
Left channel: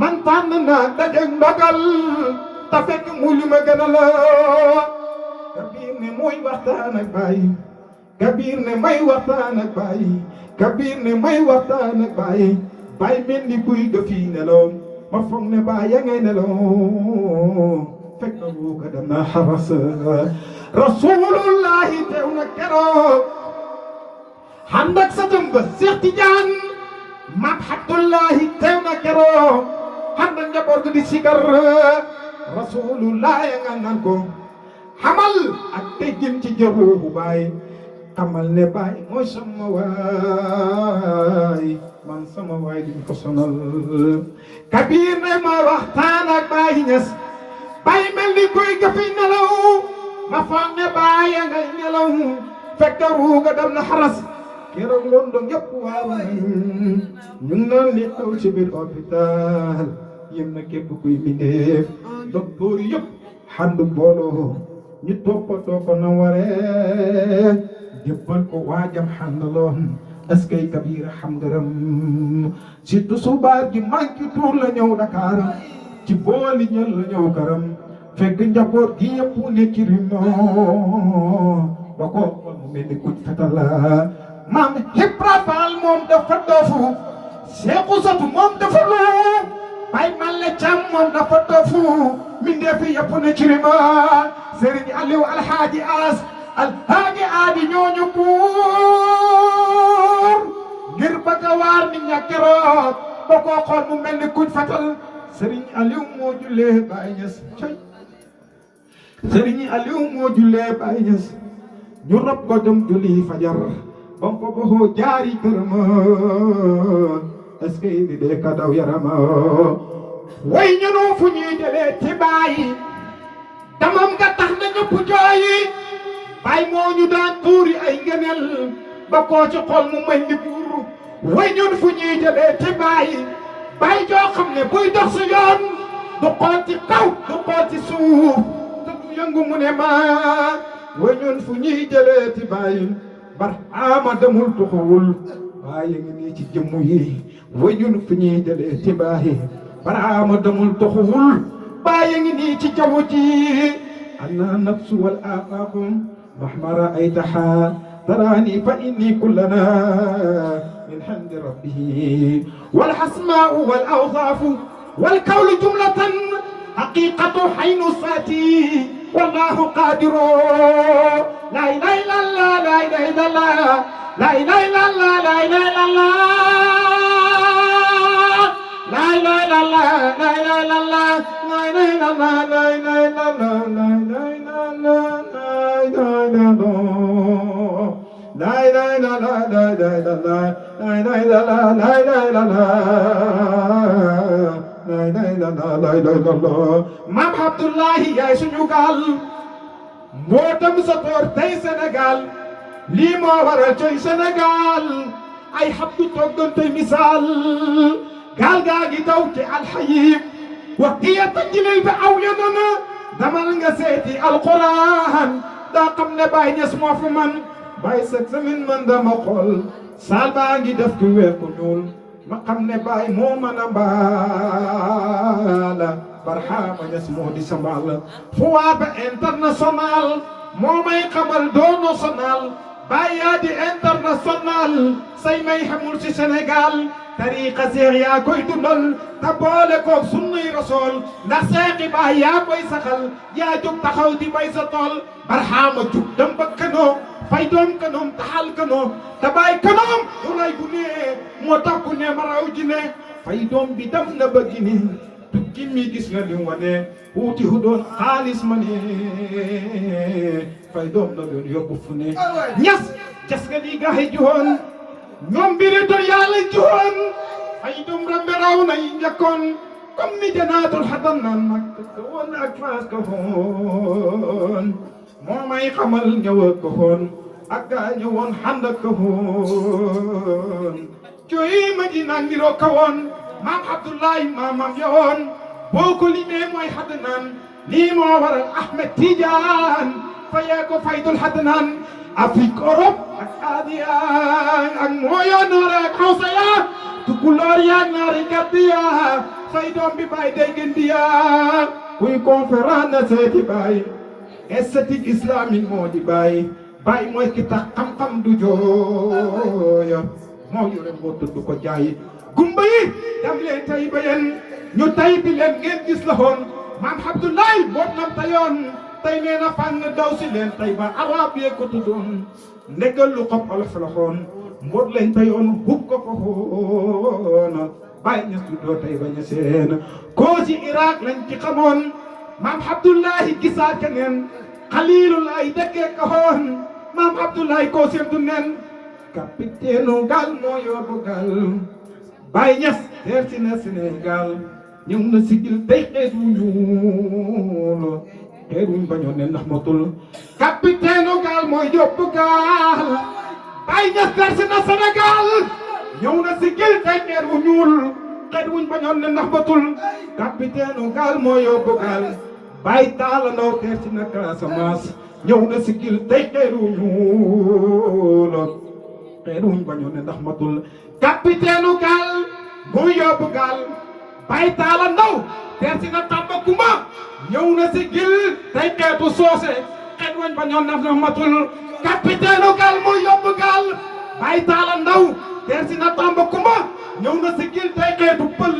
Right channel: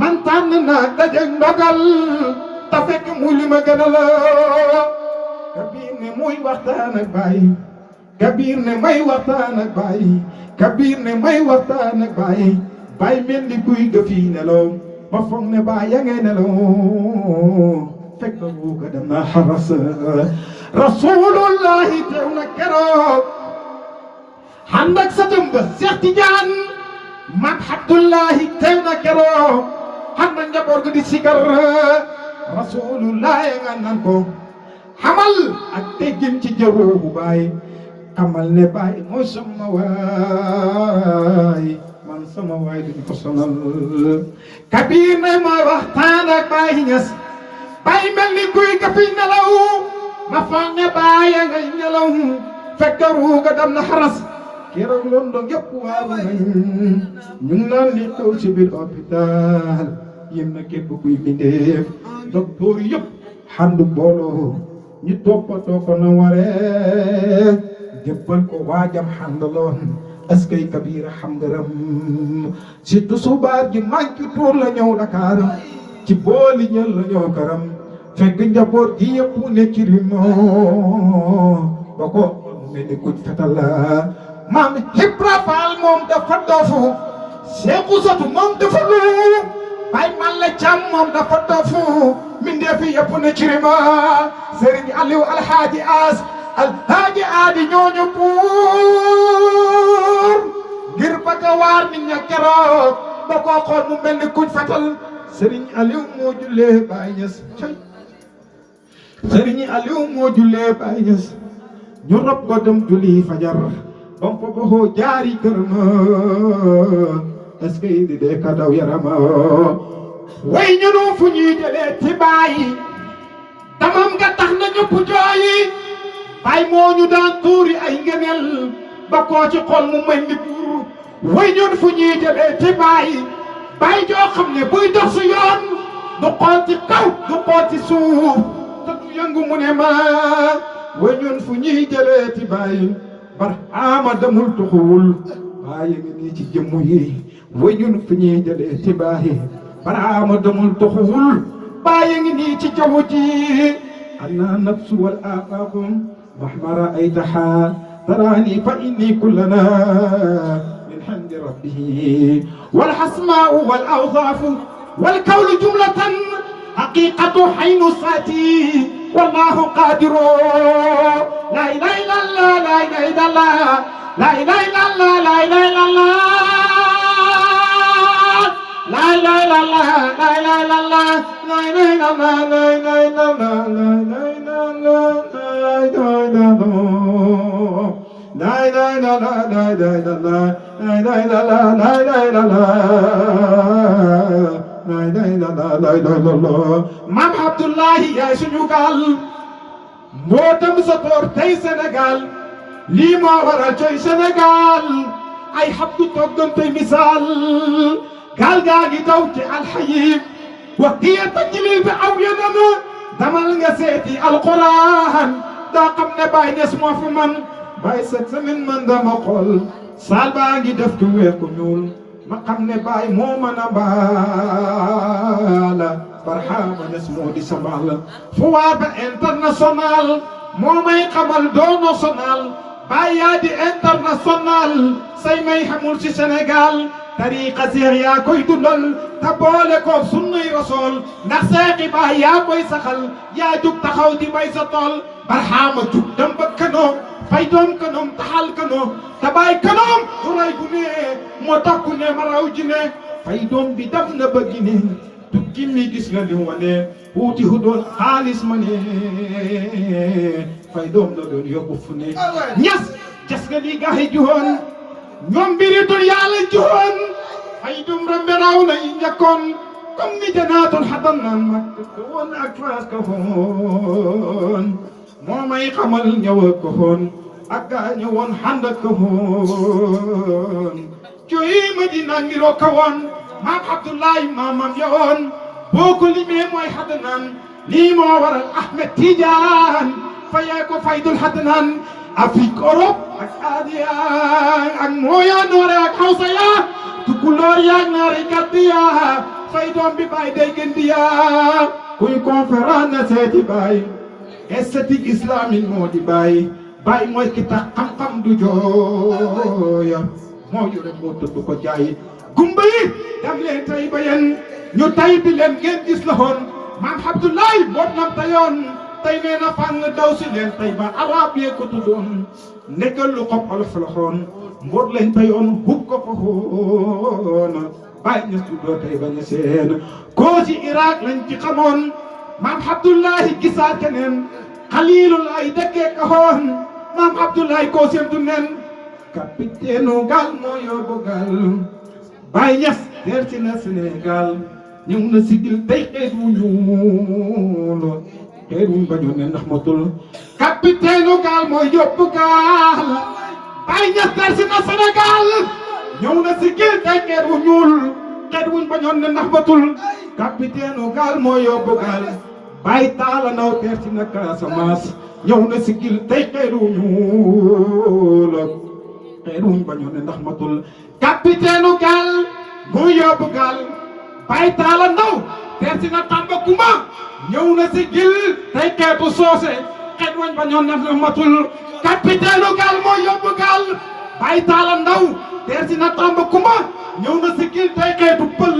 man tànn naa daje ndogal ta fekk mu li ma gën a la Kabir ne muy waxtaan ak Baye Kabir ne may waxtaan ak Baye Kabir ne may waxtaan ak Baye Baye mel ni kuy gëfi nelaw ma foog ne Baye ya ngay nelaw fekk na bu ko dem na xaras rasulullahi teew na keroog ànd ak sa jëmba Cheikh Tidiane mag Abdullahi teew na keroog ànd ak njaboot gi di sigar rasulullahi nga naan ko xamal ak teggin ci jawwu Baye xamal ne Baye mooy sama waay man sama waay duñ ko sonal Kabir ne ma waxtaan ak Baye Niass Baye mel ni kuy gafi nelaw ma foog ne Baye ngay nelaw fekk ruuga dem na xaras keroog London yëpp waaw ñu ngi naan li xew ci biir hôpital yéen na képp kuy bindeef docteur yëpp xandu booloo ñu toppatoo ko na waree jébbal ko waajam xandaloon est-ce que Kabir xam ngërëm surtout subaar gi manqué tuur la ñëw Dakar ci booli ñël la ñëw këram fekk njaboot gi yëpp ne ci rimoo ba ko mu mel ni kuñ fetal la maam Ibra Faal moom dafa doofu Seexu Satu moom dafa lu Baye Malla Caam moom dafa doofu mindeefi yëpp ne ci rima Serigne Aliou Alhaaji As Alhaaji Aadi ñooñu buur ngir bëgg a waar nit ña keroog ba koo xool mu mel ni kuñ fatal Serigne Aliou moo jullee Baye Niass coy Serigne Aliou moo jullee Baye Niass ñu rob ko dem julli fajar bam fa boxoo jaari kër ma est-ce que di dee ka daw yarama way ñunu fu ñuy jëlee ci Baye damam nga tax na ñëpp jooyi Baye moo ñu daan tuuri ay ngëneel ba koo ci xol mu mel ni buur way ñun fu ñuy jëlee ci Baye Baye joo xam ne buy dox su yoon du xool ci kaw du xool ci suuf te du yëngu mu ne ma way ñun fu ñuy jëlee ci Baye bar ama demul tuxuwul Baye ngi nii ci jëmm yi way ñun fu ñuy jëlee ci Baye bar ama demul tuxuwul Baye ngi nii ci jaww ji ana nafsu wal aqaqum mahma ra'aytaha tarani fa inni kullana min hamdi rabbihi wal hasma'u wal awsafu wal kawlu jumlatan haqiqatu haynu sati wallahu qadiru la ilaha illallah la ilaha illallah la ilaha illallah la ilaha illallah la ilaha illallah la ilaha illallah la ilaha illallah la ilaha illallah la ilaha illallah la ilaha illallah la ilaha illallah la ilaha illallah la ilaha illallah la ilaha illallah Maam Abdullahi yaay suñu gaal moo dem sa toor tey Sénégal lii moo waral coy Sénégal ay xabdu toggante misaal gaal gaa ngi daw ci alxayib waxiya tajlil bi aw yadana damal nga seeti alquran daa xam ne Baye Niass moo fi man Baye cette semaine man dama xool saal baa ngi def ku weex ku ñuul ma xam ne Baye moo mën a baala Barhama Niass moo di sabal fu waa ba international moo may xamal doo national Baye yaa di international say may xamul ci Sénégal tariqa seex yaa koy dundal te boole ko sunnay rasool ndax seexi Baay yaa koy saxal yaa jug taxaw di bay sa tool Barhama jug dem ba kanoo fay doom kanoom taxal kanoo te Baay kanoom du ray gu nee moo tax ku ne ma raw ji ne fay doom bi dem na ba Gine tukki mi gis nga li wane wuuti hu doon xaalis ma ne fay doom la doon yóbbu fu ne ñas jas nga li gaay joon ñoom mbiri dul yàlla joon fay dum rambe raw na yi njëkkoon comme ni janaatul xadan na mag ko woon ak faas ko woon moo may xamal ñëw ko woon ak gaa ñëwoon xànd ko woon coy Madina ngiroo ko woon maam Abdoulaye maamam yoon boo ko limee mooy xadnaan lii moo waral Ahmed Tidiane fayee ko faydul xadnaan Afrique Europe ak Asia ak mooya noore ak Hausa ya tukulóor ya ñaari gàddi ya fay doom bi bay day gën di ya kuy conférence na seeti bay esthétique islamique moo di bay mooy ki tax xam-xam du jooya moo yore moo tudd ko jaay gumba yi dam leen tay ba yéen ñu tay bi leen ngeen gis la woon maam Abdoulaye boot nam tayoon tay nee na fànn daw si leen tay ba arab yee ko tuddoon nekkal lu xob olof la xoon mboot leen tayoon hub ko fa xoona bàyyi ñu tuddoo tay ba ñu seen koo ci Irak lañ ci xamoon maam Abdoulaye gisaat keneen Xaliilulaay dëkkee ka xoon maam Abdoulaye koo seen du nen capitaine gaal moo yóbbu gaal Baay Ñas teer si na Sénégal ñëw na sigil tey xeet wu ñuul xeet wuñ bañoon ne ndax matul capitaine gaal moo yóbbu gaal Baay Ñas teer si na Sénégal ñëw na sigil tey xeet wu ñuul xeet wuñ bañoon ne ndax matul capitaine gaal moo yóbbu gaal Baay Taala Ndaw teer si na Casamance ñëw na sigil tey xeet wu ñuul xeet wuñ bañoon ne ndax matul capitaine gaal moo yóbbu gaal Baay Taala Ndaw teer si na Tambacounda ñëw na sigil tey xeetu soose xeet wuñ bañoon ne ndax matul capitaine gaal moo yóbbu gaal Baay Taala Ndaw teer si na Tambacounda ñëw na sigil tey xeetu pël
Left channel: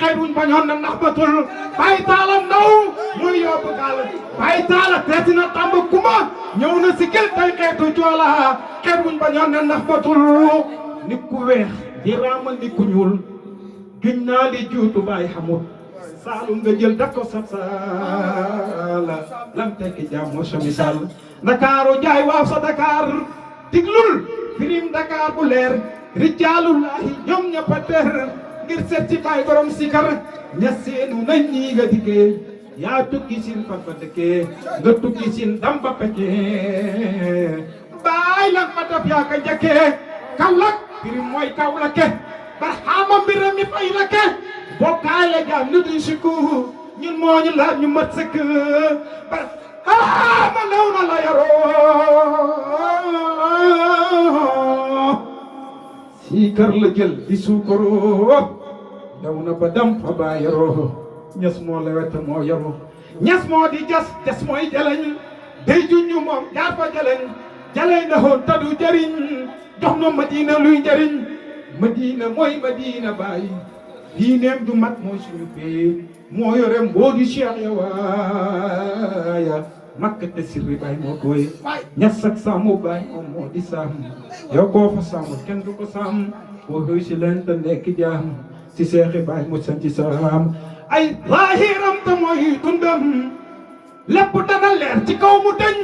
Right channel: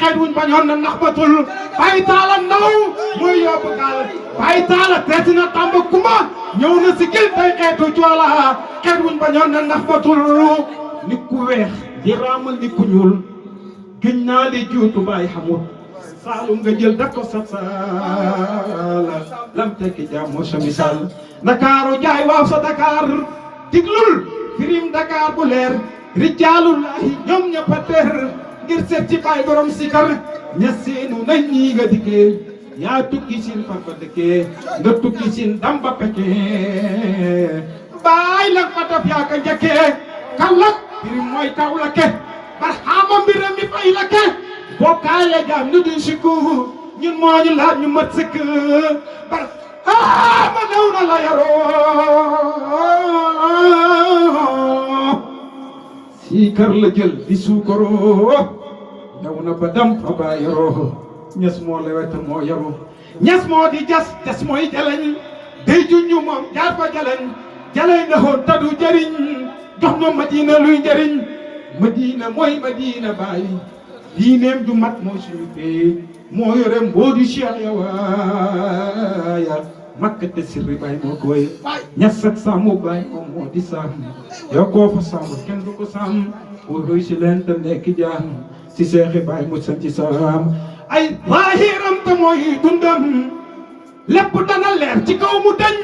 xeet wuñ bañoon ne ndax matul Baay Taala Ndaw moo yóbbu gaal Baay Taala teer si na Tambacounda ñëw na sigil tey xeetu joola xeet wuñ bañoon ne ndax matul nit ku weex di raamal nit ku ñuul gëñ naa li juutu baay xamut saalum nga jël def ko sab saala lam tekki jaam moo sa misaal Ndakaaru jaay waaw sa Dakar diglul firim Dakar bu leer rijaalullahi ñoom ñëpp a teer ngir seet ci baay borom sikar ña seenu nañ ñii nga dikkee yaa tukki sin fan fa dëkkee nga tukki sin damba pekkee baay lan fa def yaa ka njëkkee kallak firim mooy kaw la ke barxaama mbira mi fay la ke bokkaale jaam nu di sikku ñun moo ñu laaj ñu mat sëkk barxaama new na la yaroo sii kër la jël di suukaroo ñëw na ba dam fa baa yaroo ñes moo la wet moo yaru ñes moo di jas mooy jaleñ day junñu moom jaar fa jaleñ jaleñ la hoon tadu jariñ jox na Madina luy njariñ Madina mooy Madina Baay diineem ju mat mooy suñu bee moo yore mboodi Cheikh ya waaya Makka te sirri Baay moo koy ñas ak sàmm Baay moom moo di sàmm yow koo fa sàmm kenn du ko sàmm wuy si leen te nekk jaam si seexi Baay mu sanci salaam ay zaahiram te mooy dundam lépp dana leer ci kaw mu dañ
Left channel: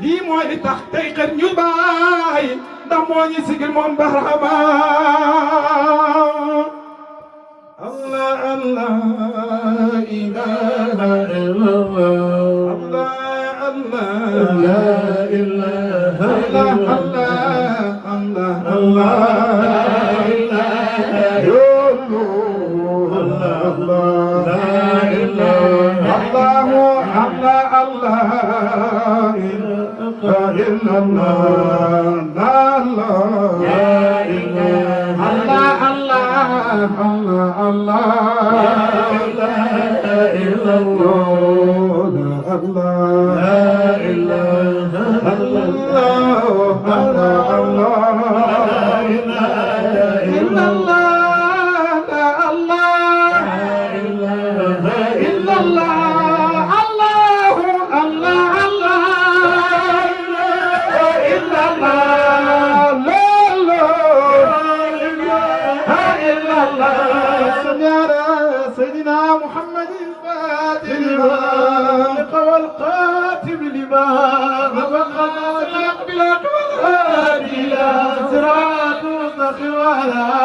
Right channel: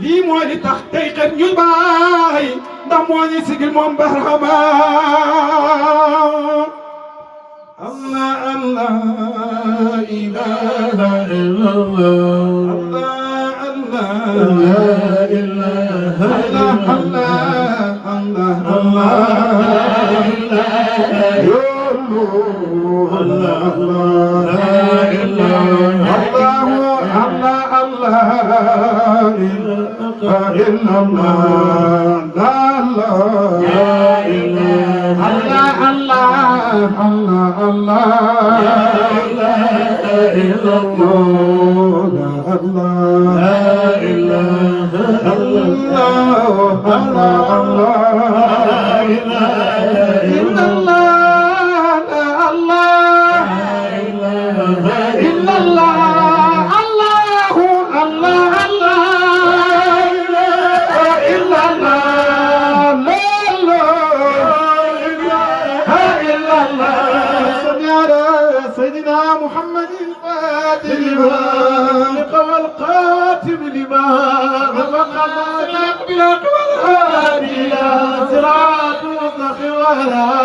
lii mooy li tax tey xet ñu baay ndax moo ñu sigil moom barama Allah Allah ilaha illallah Allah Allah ilaha illallah Allah Allah بالحق والهادي إلى صراط مستقيم وعلى